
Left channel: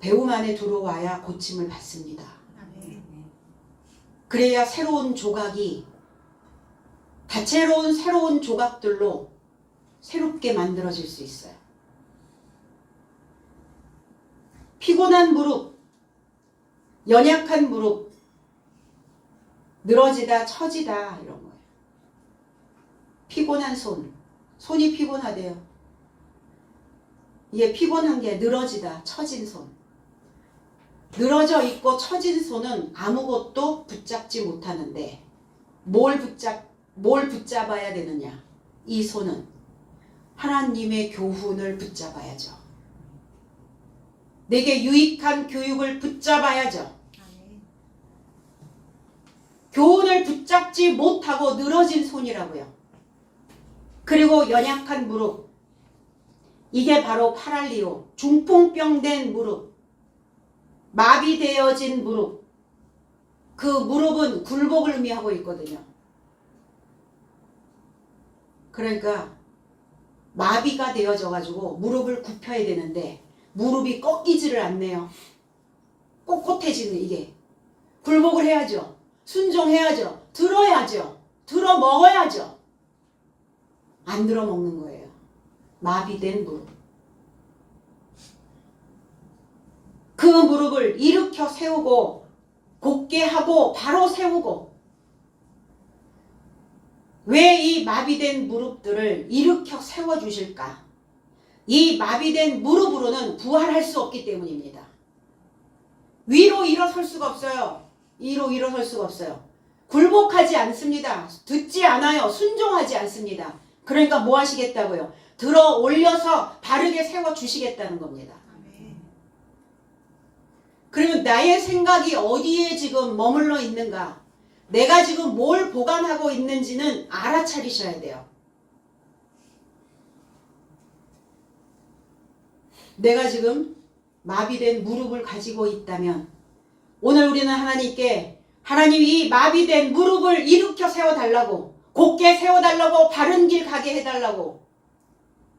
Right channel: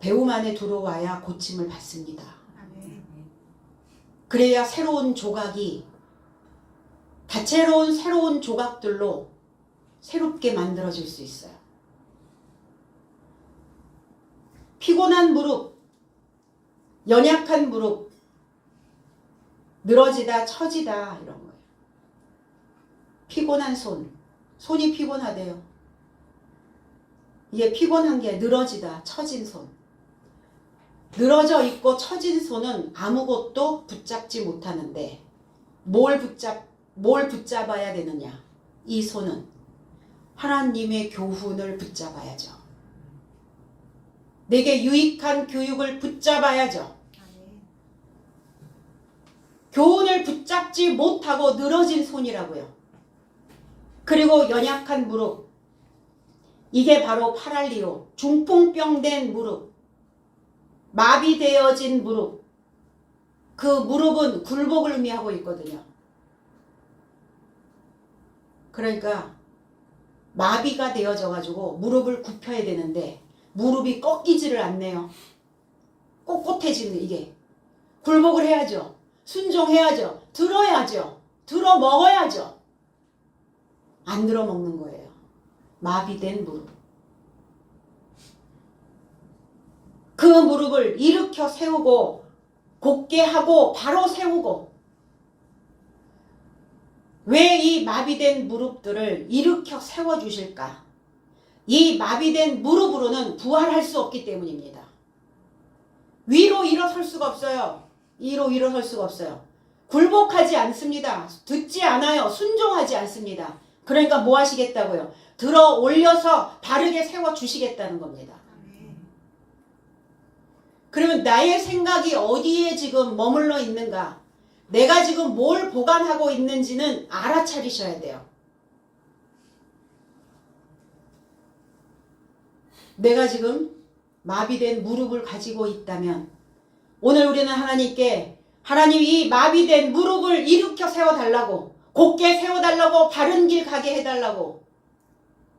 배움 안에 들어와야 고침을 받습니다. 그래야 새로운 조각이 다채로운 새로운 조각들로 새롭게 만들어질 수 있어요. 피곤한 무릎, 연약한 무릎, 늘어지다 처지다 이런 거예요. 피곤한 손, 손이 피곤하대요. 이게 피곤한 게 늘어지다 처진 손. 늘어져 있고 처진 손은 아무것도 붙잡지 못하는데 뭘 붙잡아야 되느냐? 이 손은 하나님의 교훈을 붙잡아야죠. 내게 유익한 교육을 붙잡아야죠. 교훈을 붙잡지 못하고 늘어진 손이라고요. 그리고 연약한 무릎. 이게 바로 파랄리오, 중풍병된 무릎, 마비되어진 무릎. 그 무릎은 굴복을 의미하고 있거든요. 그러니까 마비가 되어져 가지고 무릎을 굽혀야 되는데 무릎이 꺾이지를 않네요. 꼿꼿해지는 이게. 굴복을 해야죠. 순종해야죠. 들어야죠. 들어 먹어야죠. 안 들어 먹는 거예요. 마비된 무릎. 그 무릎을 일으켜 세우고 곧게 하고 바로 세우고. 왜 이 마비된 무릎들을 일으켜 세워주실까? 이 마비된 무릎으로는 부활할 수 없기 때문입니다. 위로 일어설 수가 없어요. 위로 일어설 수가 없어요. 굴복하지 않습니다. 듣지 않아요. 순종하지 않습니다. 그러니까 뭐 하시겠다고요? 들어 올려서 바르게 세워주시겠다는 겁니다. 그러면 나의 생각이 어디에 지금 머물러 있는가? 내가 지금 뭘 보관하고 있는지는 알아차리셔야 돼요. 내가 지금 마비된 무릎을 가지고 있다면 오늘 우리는 하나님께 하나님 이 마비된 무릎을 일으켜 세워달라고 곧게 세워달라고 바른 길 가게 해달라고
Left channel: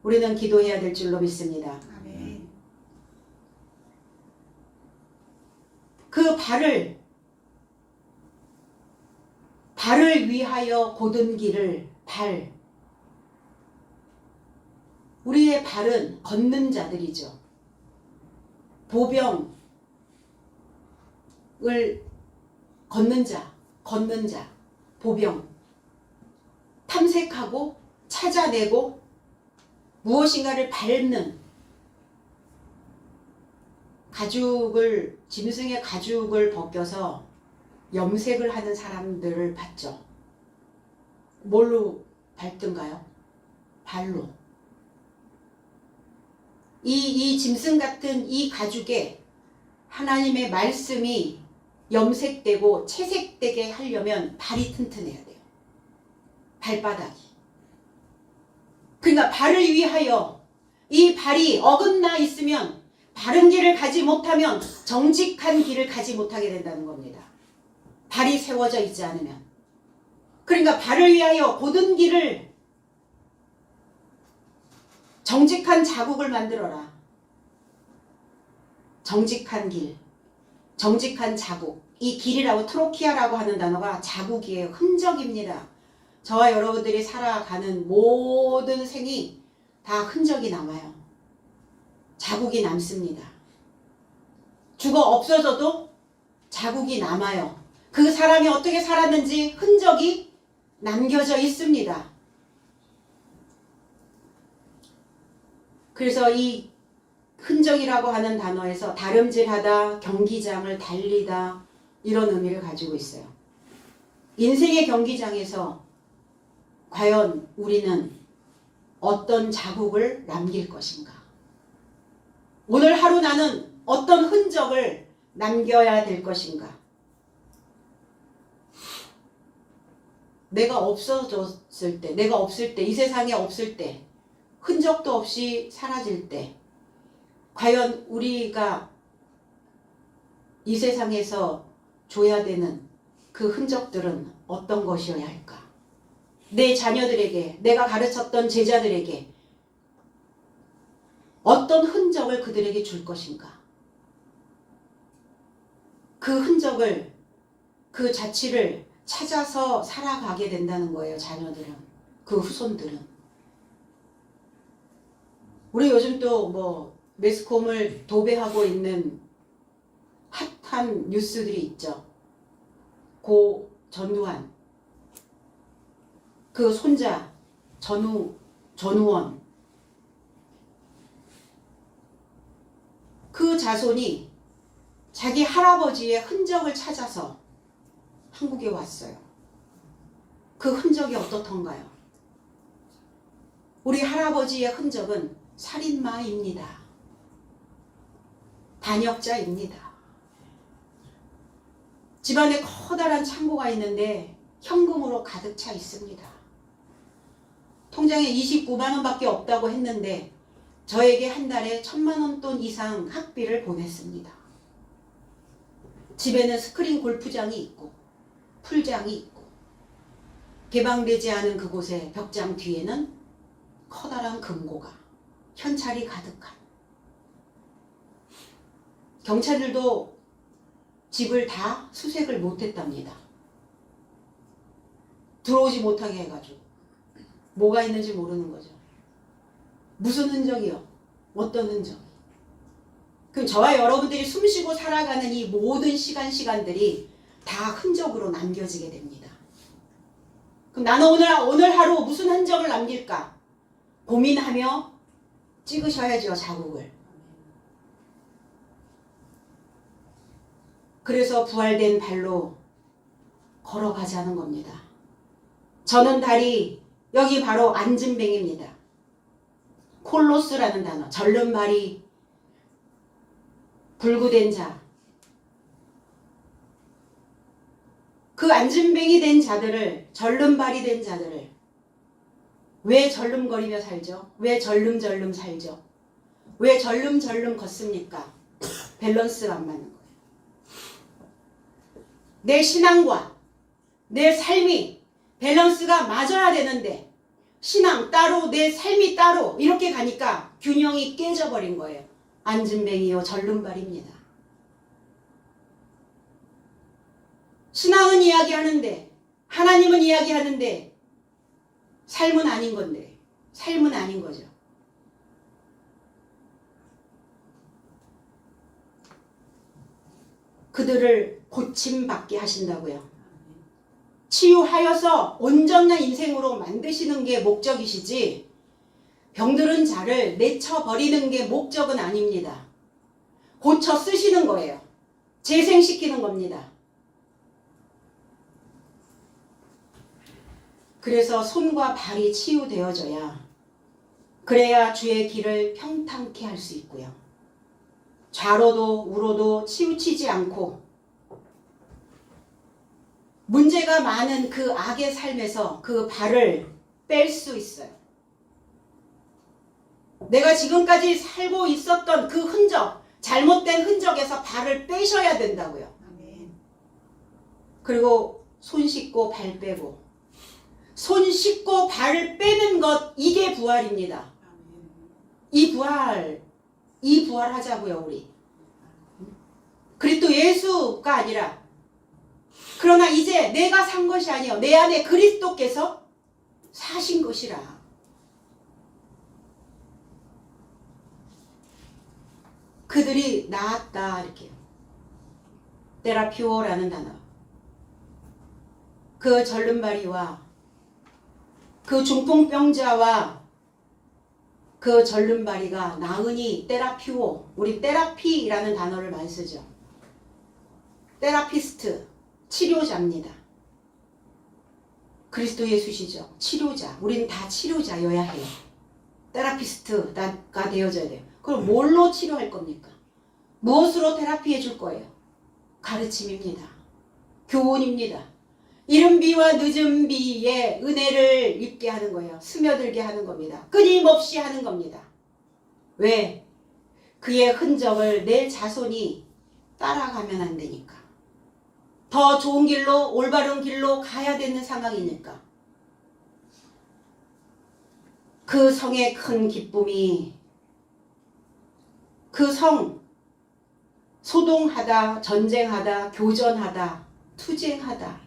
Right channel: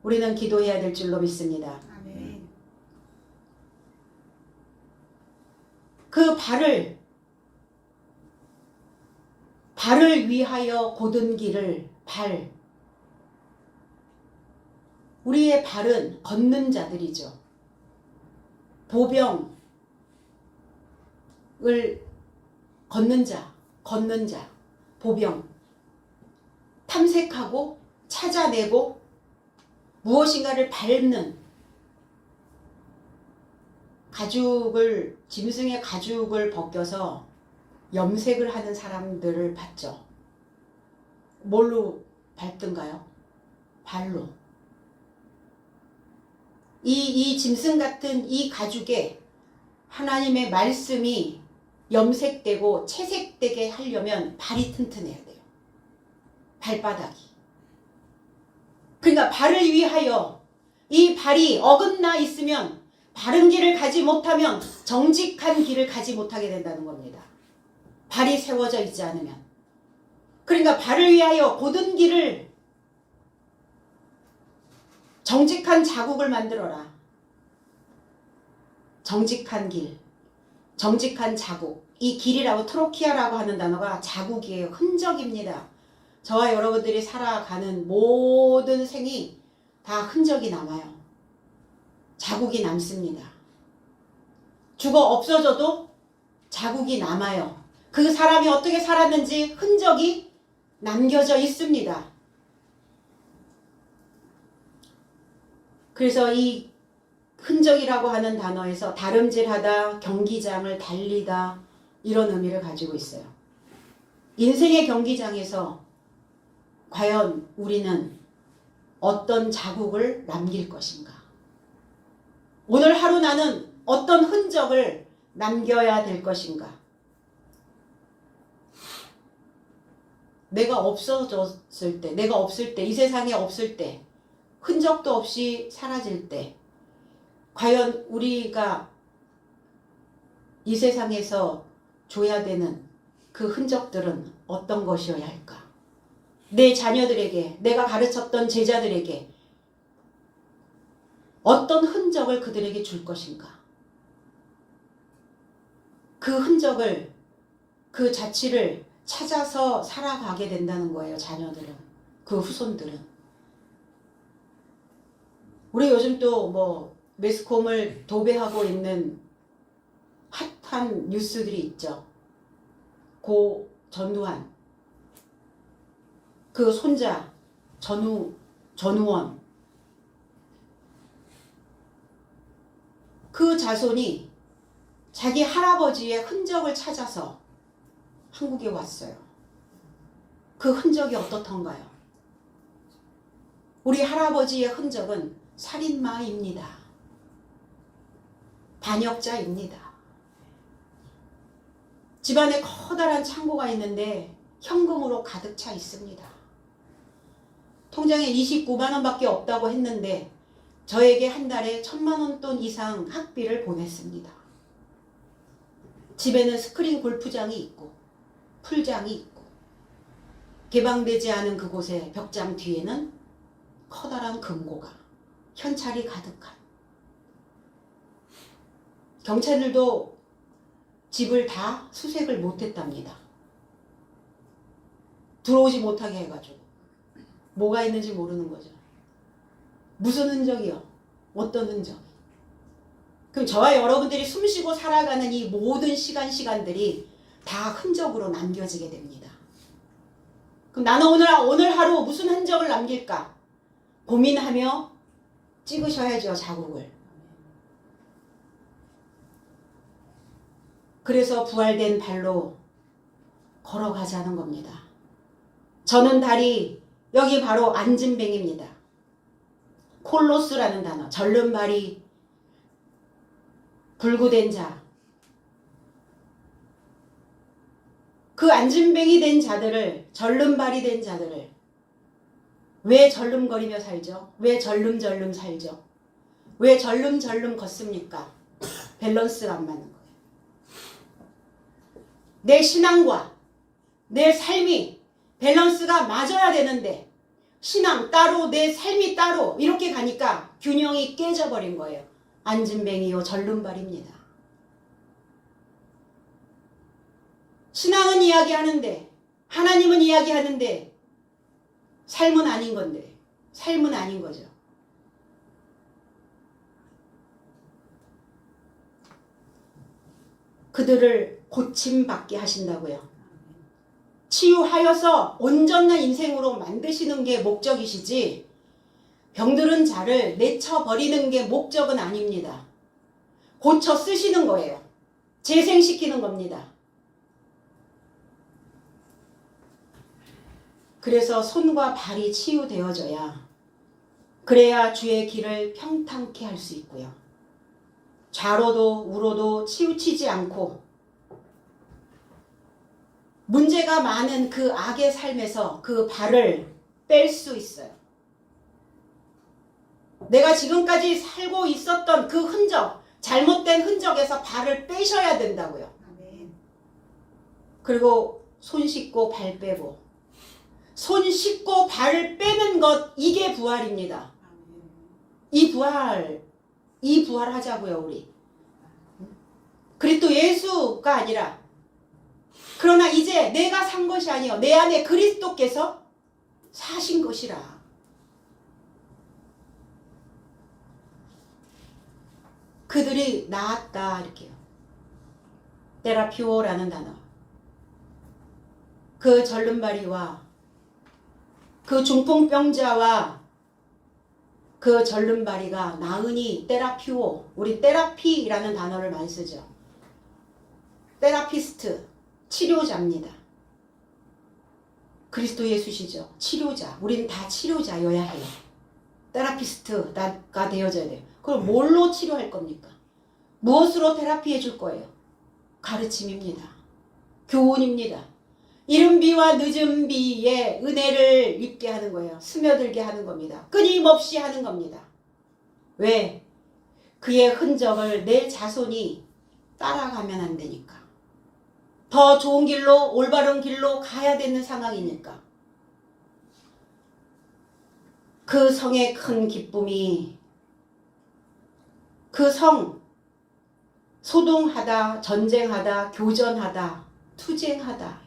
우리는 기도해야 될 줄로 믿습니다. 아멘. 그 발을 발을 위하여 곧은 길을 발. 우리의 발은 걷는 자들이죠. 보병을 걷는 자, 보병. 탐색하고 찾아내고 무엇인가를 밟는 가죽을, 짐승의 가죽을 벗겨서 염색을 하는 사람들을 봤죠. 뭘로 밟던가요? 발로. 이 짐승 같은 이 가죽에 하나님의 말씀이 염색되고 채색되게 하려면 발이 튼튼해야 돼요. 발바닥이. 그러니까 발을 위하여, 이 발이 어긋나 있으면, 바른 길을 가지 못하면 정직한 길을 가지 못하게 된다는 겁니다. 발이 세워져 있지 않으면. 그러니까 발을 위하여 곧은 길을, 정직한 자국을 만들어라. 정직한 길, 정직한 자국. 이 길이라고, 트로키아라고 하는 단어가 자국이에요. 흔적입니다. 저와 여러분들이 살아가는 모든 생이 다 흔적이 남아요. 자국이 남습니다. 죽어 없어져도 자국이 남아요. 그 사람이 어떻게 살았는지 흔적이 남겨져 있습니다. 그래서 이 흔적이라고 하는 단어에서 다름질하다, 경기장을 달리다, 이런 의미를 가지고 있어요. 인생의 경기장에서 과연 우리는 어떤 자국을 남길 것인가? 오늘 하루 나는 어떤 흔적을 남겨야 될 것인가? 내가 없어졌을 때, 내가 없을 때, 이 세상에 없을 때, 흔적도 없이 사라질 때, 과연 우리가 이 세상에서 줘야 되는 그 흔적들은 어떤 것이어야 할까? 내 자녀들에게, 내가 가르쳤던 제자들에게 어떤 흔적을 그들에게 줄 것인가? 그 흔적을, 그 자취를 찾아서 살아가게 된다는 거예요. 자녀들은, 그 후손들은. 우리 요즘 또 뭐 매스컴을 도배하고 있는 핫한 뉴스들이 있죠. 고 전두환, 그 손자 전우원, 그 자손이 자기 할아버지의 흔적을 찾아서 한국에 왔어요. 그 흔적이 어떻던가요? 우리 할아버지의 흔적은 살인마입니다. 반역자입니다. 집안에 커다란 창고가 있는데 현금으로 가득 차 있습니다. 통장에 29만 원밖에 없다고 했는데 저에게 한 달에 1,000만 원 돈 이상 학비를 보냈습니다. 집에는 스크린 골프장이 있고 풀장이 있고 개방되지 않은 그곳에 벽장 뒤에는 커다란 금고가, 현찰이 가득한. 경찰들도 집을 다 수색을 못했답니다. 들어오지 못하게 해가지고. 뭐가 있는지 모르는 거죠. 무슨 흔적이요? 어떤 흔적? 그럼 저와 여러분들이 숨쉬고 살아가는 이 모든 시간들이 다 흔적으로 남겨지게 됩니다. 그럼 나는 오늘 하루 무슨 흔적을 남길까? 고민하며 찍으셔야죠, 자국을. 그래서 부활된 발로 걸어가자는 겁니다. 저는 다리, 여기 바로 안진뱅입니다. 콜로스라는 단어, 절른 발이 불구된 자. 그 안진뱅이 된 자들을, 절른 발이 된 자들을 왜 절름거리며 살죠? 왜 절름절름 살죠? 왜 절름절름 걷습니까? 밸런스가 안 맞는 거예요. 내 신앙과 내 삶이 밸런스가 맞아야 되는데 신앙 따로 내 삶이 따로 이렇게 가니까 균형이 깨져버린 거예요. 안진뱅이요 절름발입니다. 신앙은 이야기하는데 하나님은 이야기하는데 삶은 아닌 건데, 삶은 아닌 거죠. 그들을 고침받게 하신다고요. 치유하여서 온전한 인생으로 만드시는 게 목적이시지, 병들은 자를 내쳐버리는 게 목적은 아닙니다. 고쳐 쓰시는 거예요. 재생시키는 겁니다. 그래서 손과 발이 치유되어져야, 그래야 주의 길을 평탄케 할 수 있고요. 좌로도 우로도 치우치지 않고 문제가 많은 그 악의 삶에서 그 발을 뺄 수 있어요. 내가 지금까지 살고 있었던 그 흔적, 잘못된 흔적에서 발을 빼셔야 된다고요. 그리고 손 씻고 발 빼고, 손 씻고 발을 빼는 것, 이게 부활입니다. 이 부활 하자고요, 우리. 그리스도 예수가 아니라, 그러나 이제 내가 산 것이 아니요, 내 안에 그리스도께서 사신 것이라. 그들이 나았다, 이렇게요. 테라피오라는 단어. 그 절름발이와 그 중풍병자와 그 절름발이가 나으니 테라피오, 우리 테라피라는 단어를 많이 쓰죠. 테라피스트, 치료자입니다. 그리스도 예수시죠. 치료자. 우리는 다 치료자여야 해요. 테라피스트가 되어져야 돼요. 그럼 뭘로 치료할 겁니까? 무엇으로 테라피해 줄 거예요? 가르침입니다. 교훈입니다. 이른 비와 늦은 비에 은혜를 입게 하는 거예요. 스며들게 하는 겁니다. 끊임없이 하는 겁니다. 왜? 그의 흔적을 내 자손이 따라가면 안 되니까. 더 좋은 길로, 올바른 길로 가야 되는 상황이니까. 그 성의 큰 기쁨이, 그 성, 소동하다, 전쟁하다, 교전하다, 투쟁하다.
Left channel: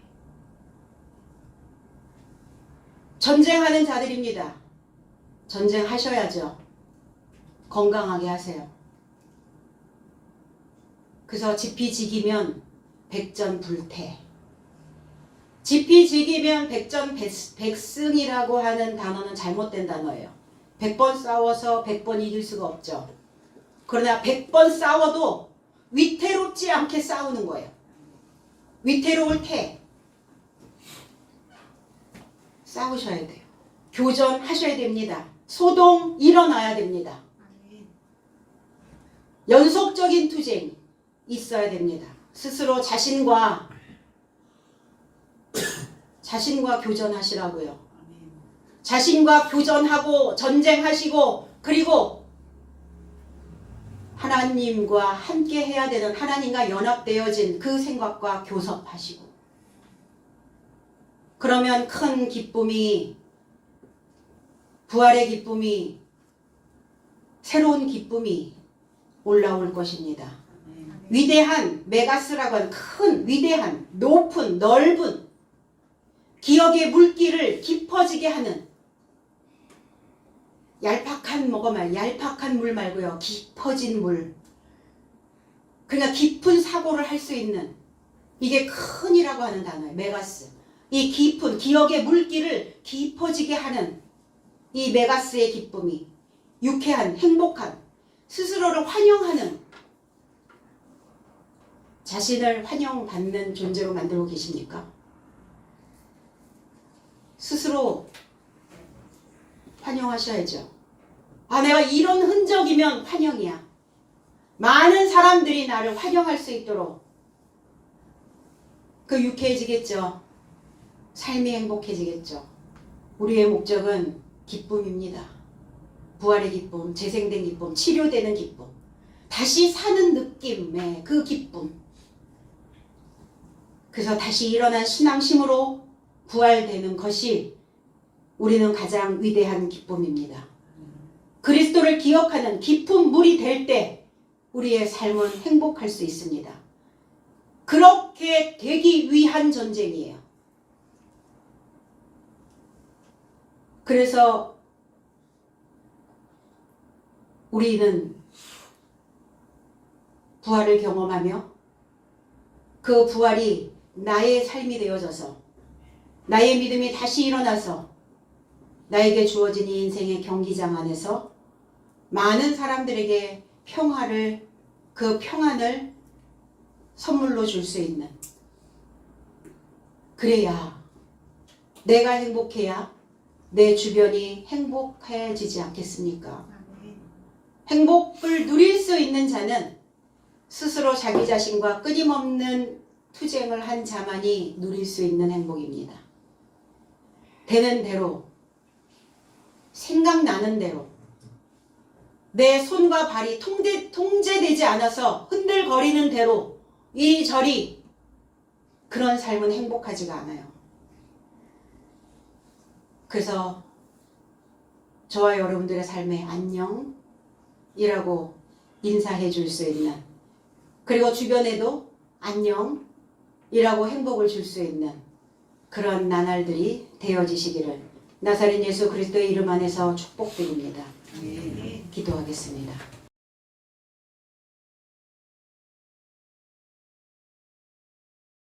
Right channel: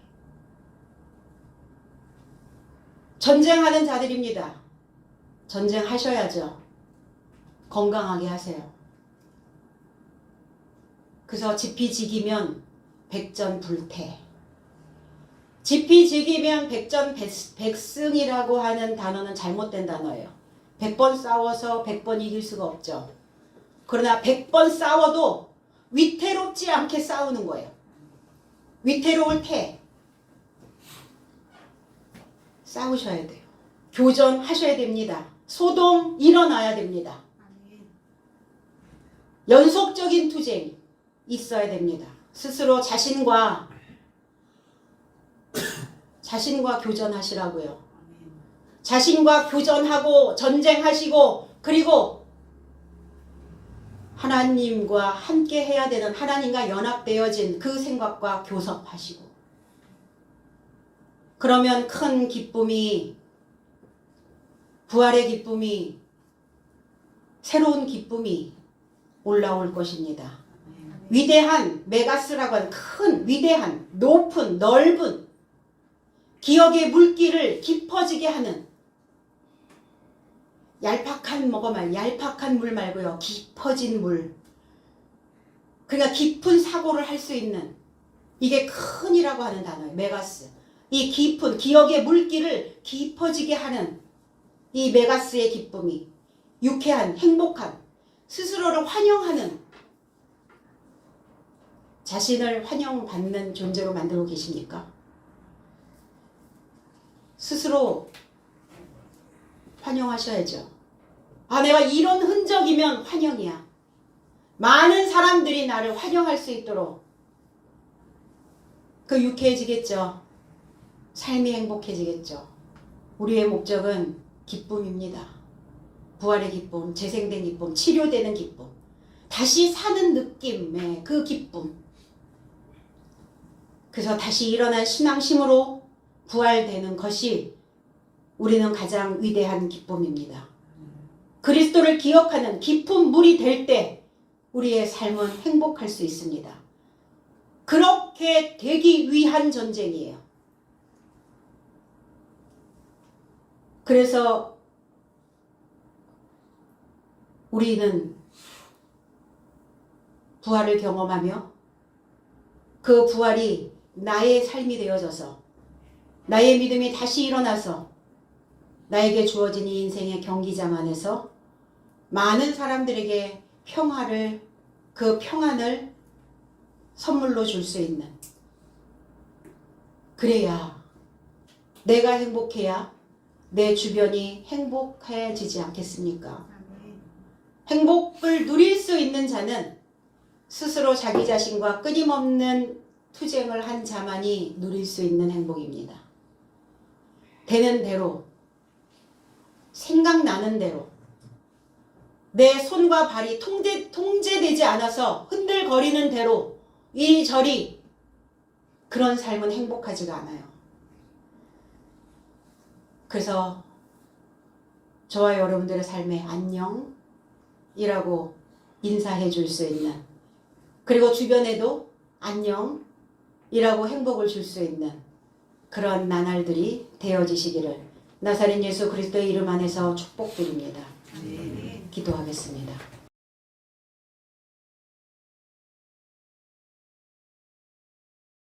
전쟁하는 자들입니다. 전쟁하셔야죠. 건강하게 하세요. 그래서 지피지기면 백전불태. 지피지기면 백전백승이라고 하는 단어는 잘못된 단어예요. 100번 싸워서 100번 이길 수가 없죠. 그러나 100번 싸워도 위태롭지 않게 싸우는 거예요. 위태로울 태. 싸우셔야 돼요. 교전하셔야 됩니다. 소동 일어나야 됩니다. 연속적인 투쟁 있어야 됩니다. 스스로 자신과 교전하시라고요. 자신과 교전하고 전쟁하시고, 그리고 하나님과 함께 해야 되는, 하나님과 연합되어진 그 생각과 교섭하시고, 그러면 큰 기쁨이, 부활의 기쁨이, 새로운 기쁨이 올라올 것입니다. 위대한, 메가스라고 하는 큰, 위대한, 높은, 넓은 기억의 물길을 깊어지게 하는, 얄팍한 물 말고요. 깊어진 물. 그러니까 깊은 사고를 할 수 있는, 이게 큰이라고 하는 단어예요. 메가스. 이 깊은 기억의 물길을 깊어지게 하는 이 메가스의 기쁨이, 유쾌한, 행복한, 스스로를 환영하는, 자신을 환영받는 존재로 만들고 계십니까? 스스로 환영하셔야죠. 아, 내가 이런 흔적이면 환영이야. 많은 사람들이 나를 환영할 수 있도록, 그 유쾌해지겠죠. 삶이 행복해지겠죠. 우리의 목적은 기쁨입니다. 부활의 기쁨, 재생된 기쁨, 치료되는 기쁨, 다시 사는 느낌의 그 기쁨. 그래서 다시 일어난 신앙심으로 부활되는 것이 우리는 가장 위대한 기쁨입니다. 그리스도를 기억하는 깊은 물이 될 때 우리의 삶은 행복할 수 있습니다. 그렇게 되기 위한 전쟁이에요. 그래서 우리는 부활을 경험하며 그 부활이 나의 삶이 되어져서 나의 믿음이 다시 일어나서 나에게 주어진 이 인생의 경기장 안에서 많은 사람들에게 그 평안을 선물로 줄 수 있는, 그래야 내가 행복해야 내 주변이 행복해지지 않겠습니까? 행복을 누릴 수 있는 자는 스스로 자기 자신과 끊임없는 투쟁을 한 자만이 누릴 수 있는 행복입니다. 되는 대로, 생각나는 대로, 내 손과 발이 통제되지 않아서 흔들거리는 대로 이리저리, 그런 삶은 행복하지가 않아요. 그래서 저와 여러분들의 삶에 안녕이라고 인사해 줄 수 있는, 그리고 주변에도 안녕이라고 행복을 줄 수 있는 그런 나날들이 되어지시기를 나사렛 예수 그리스도의 이름 안에서 축복드립니다. 기도하겠습니다.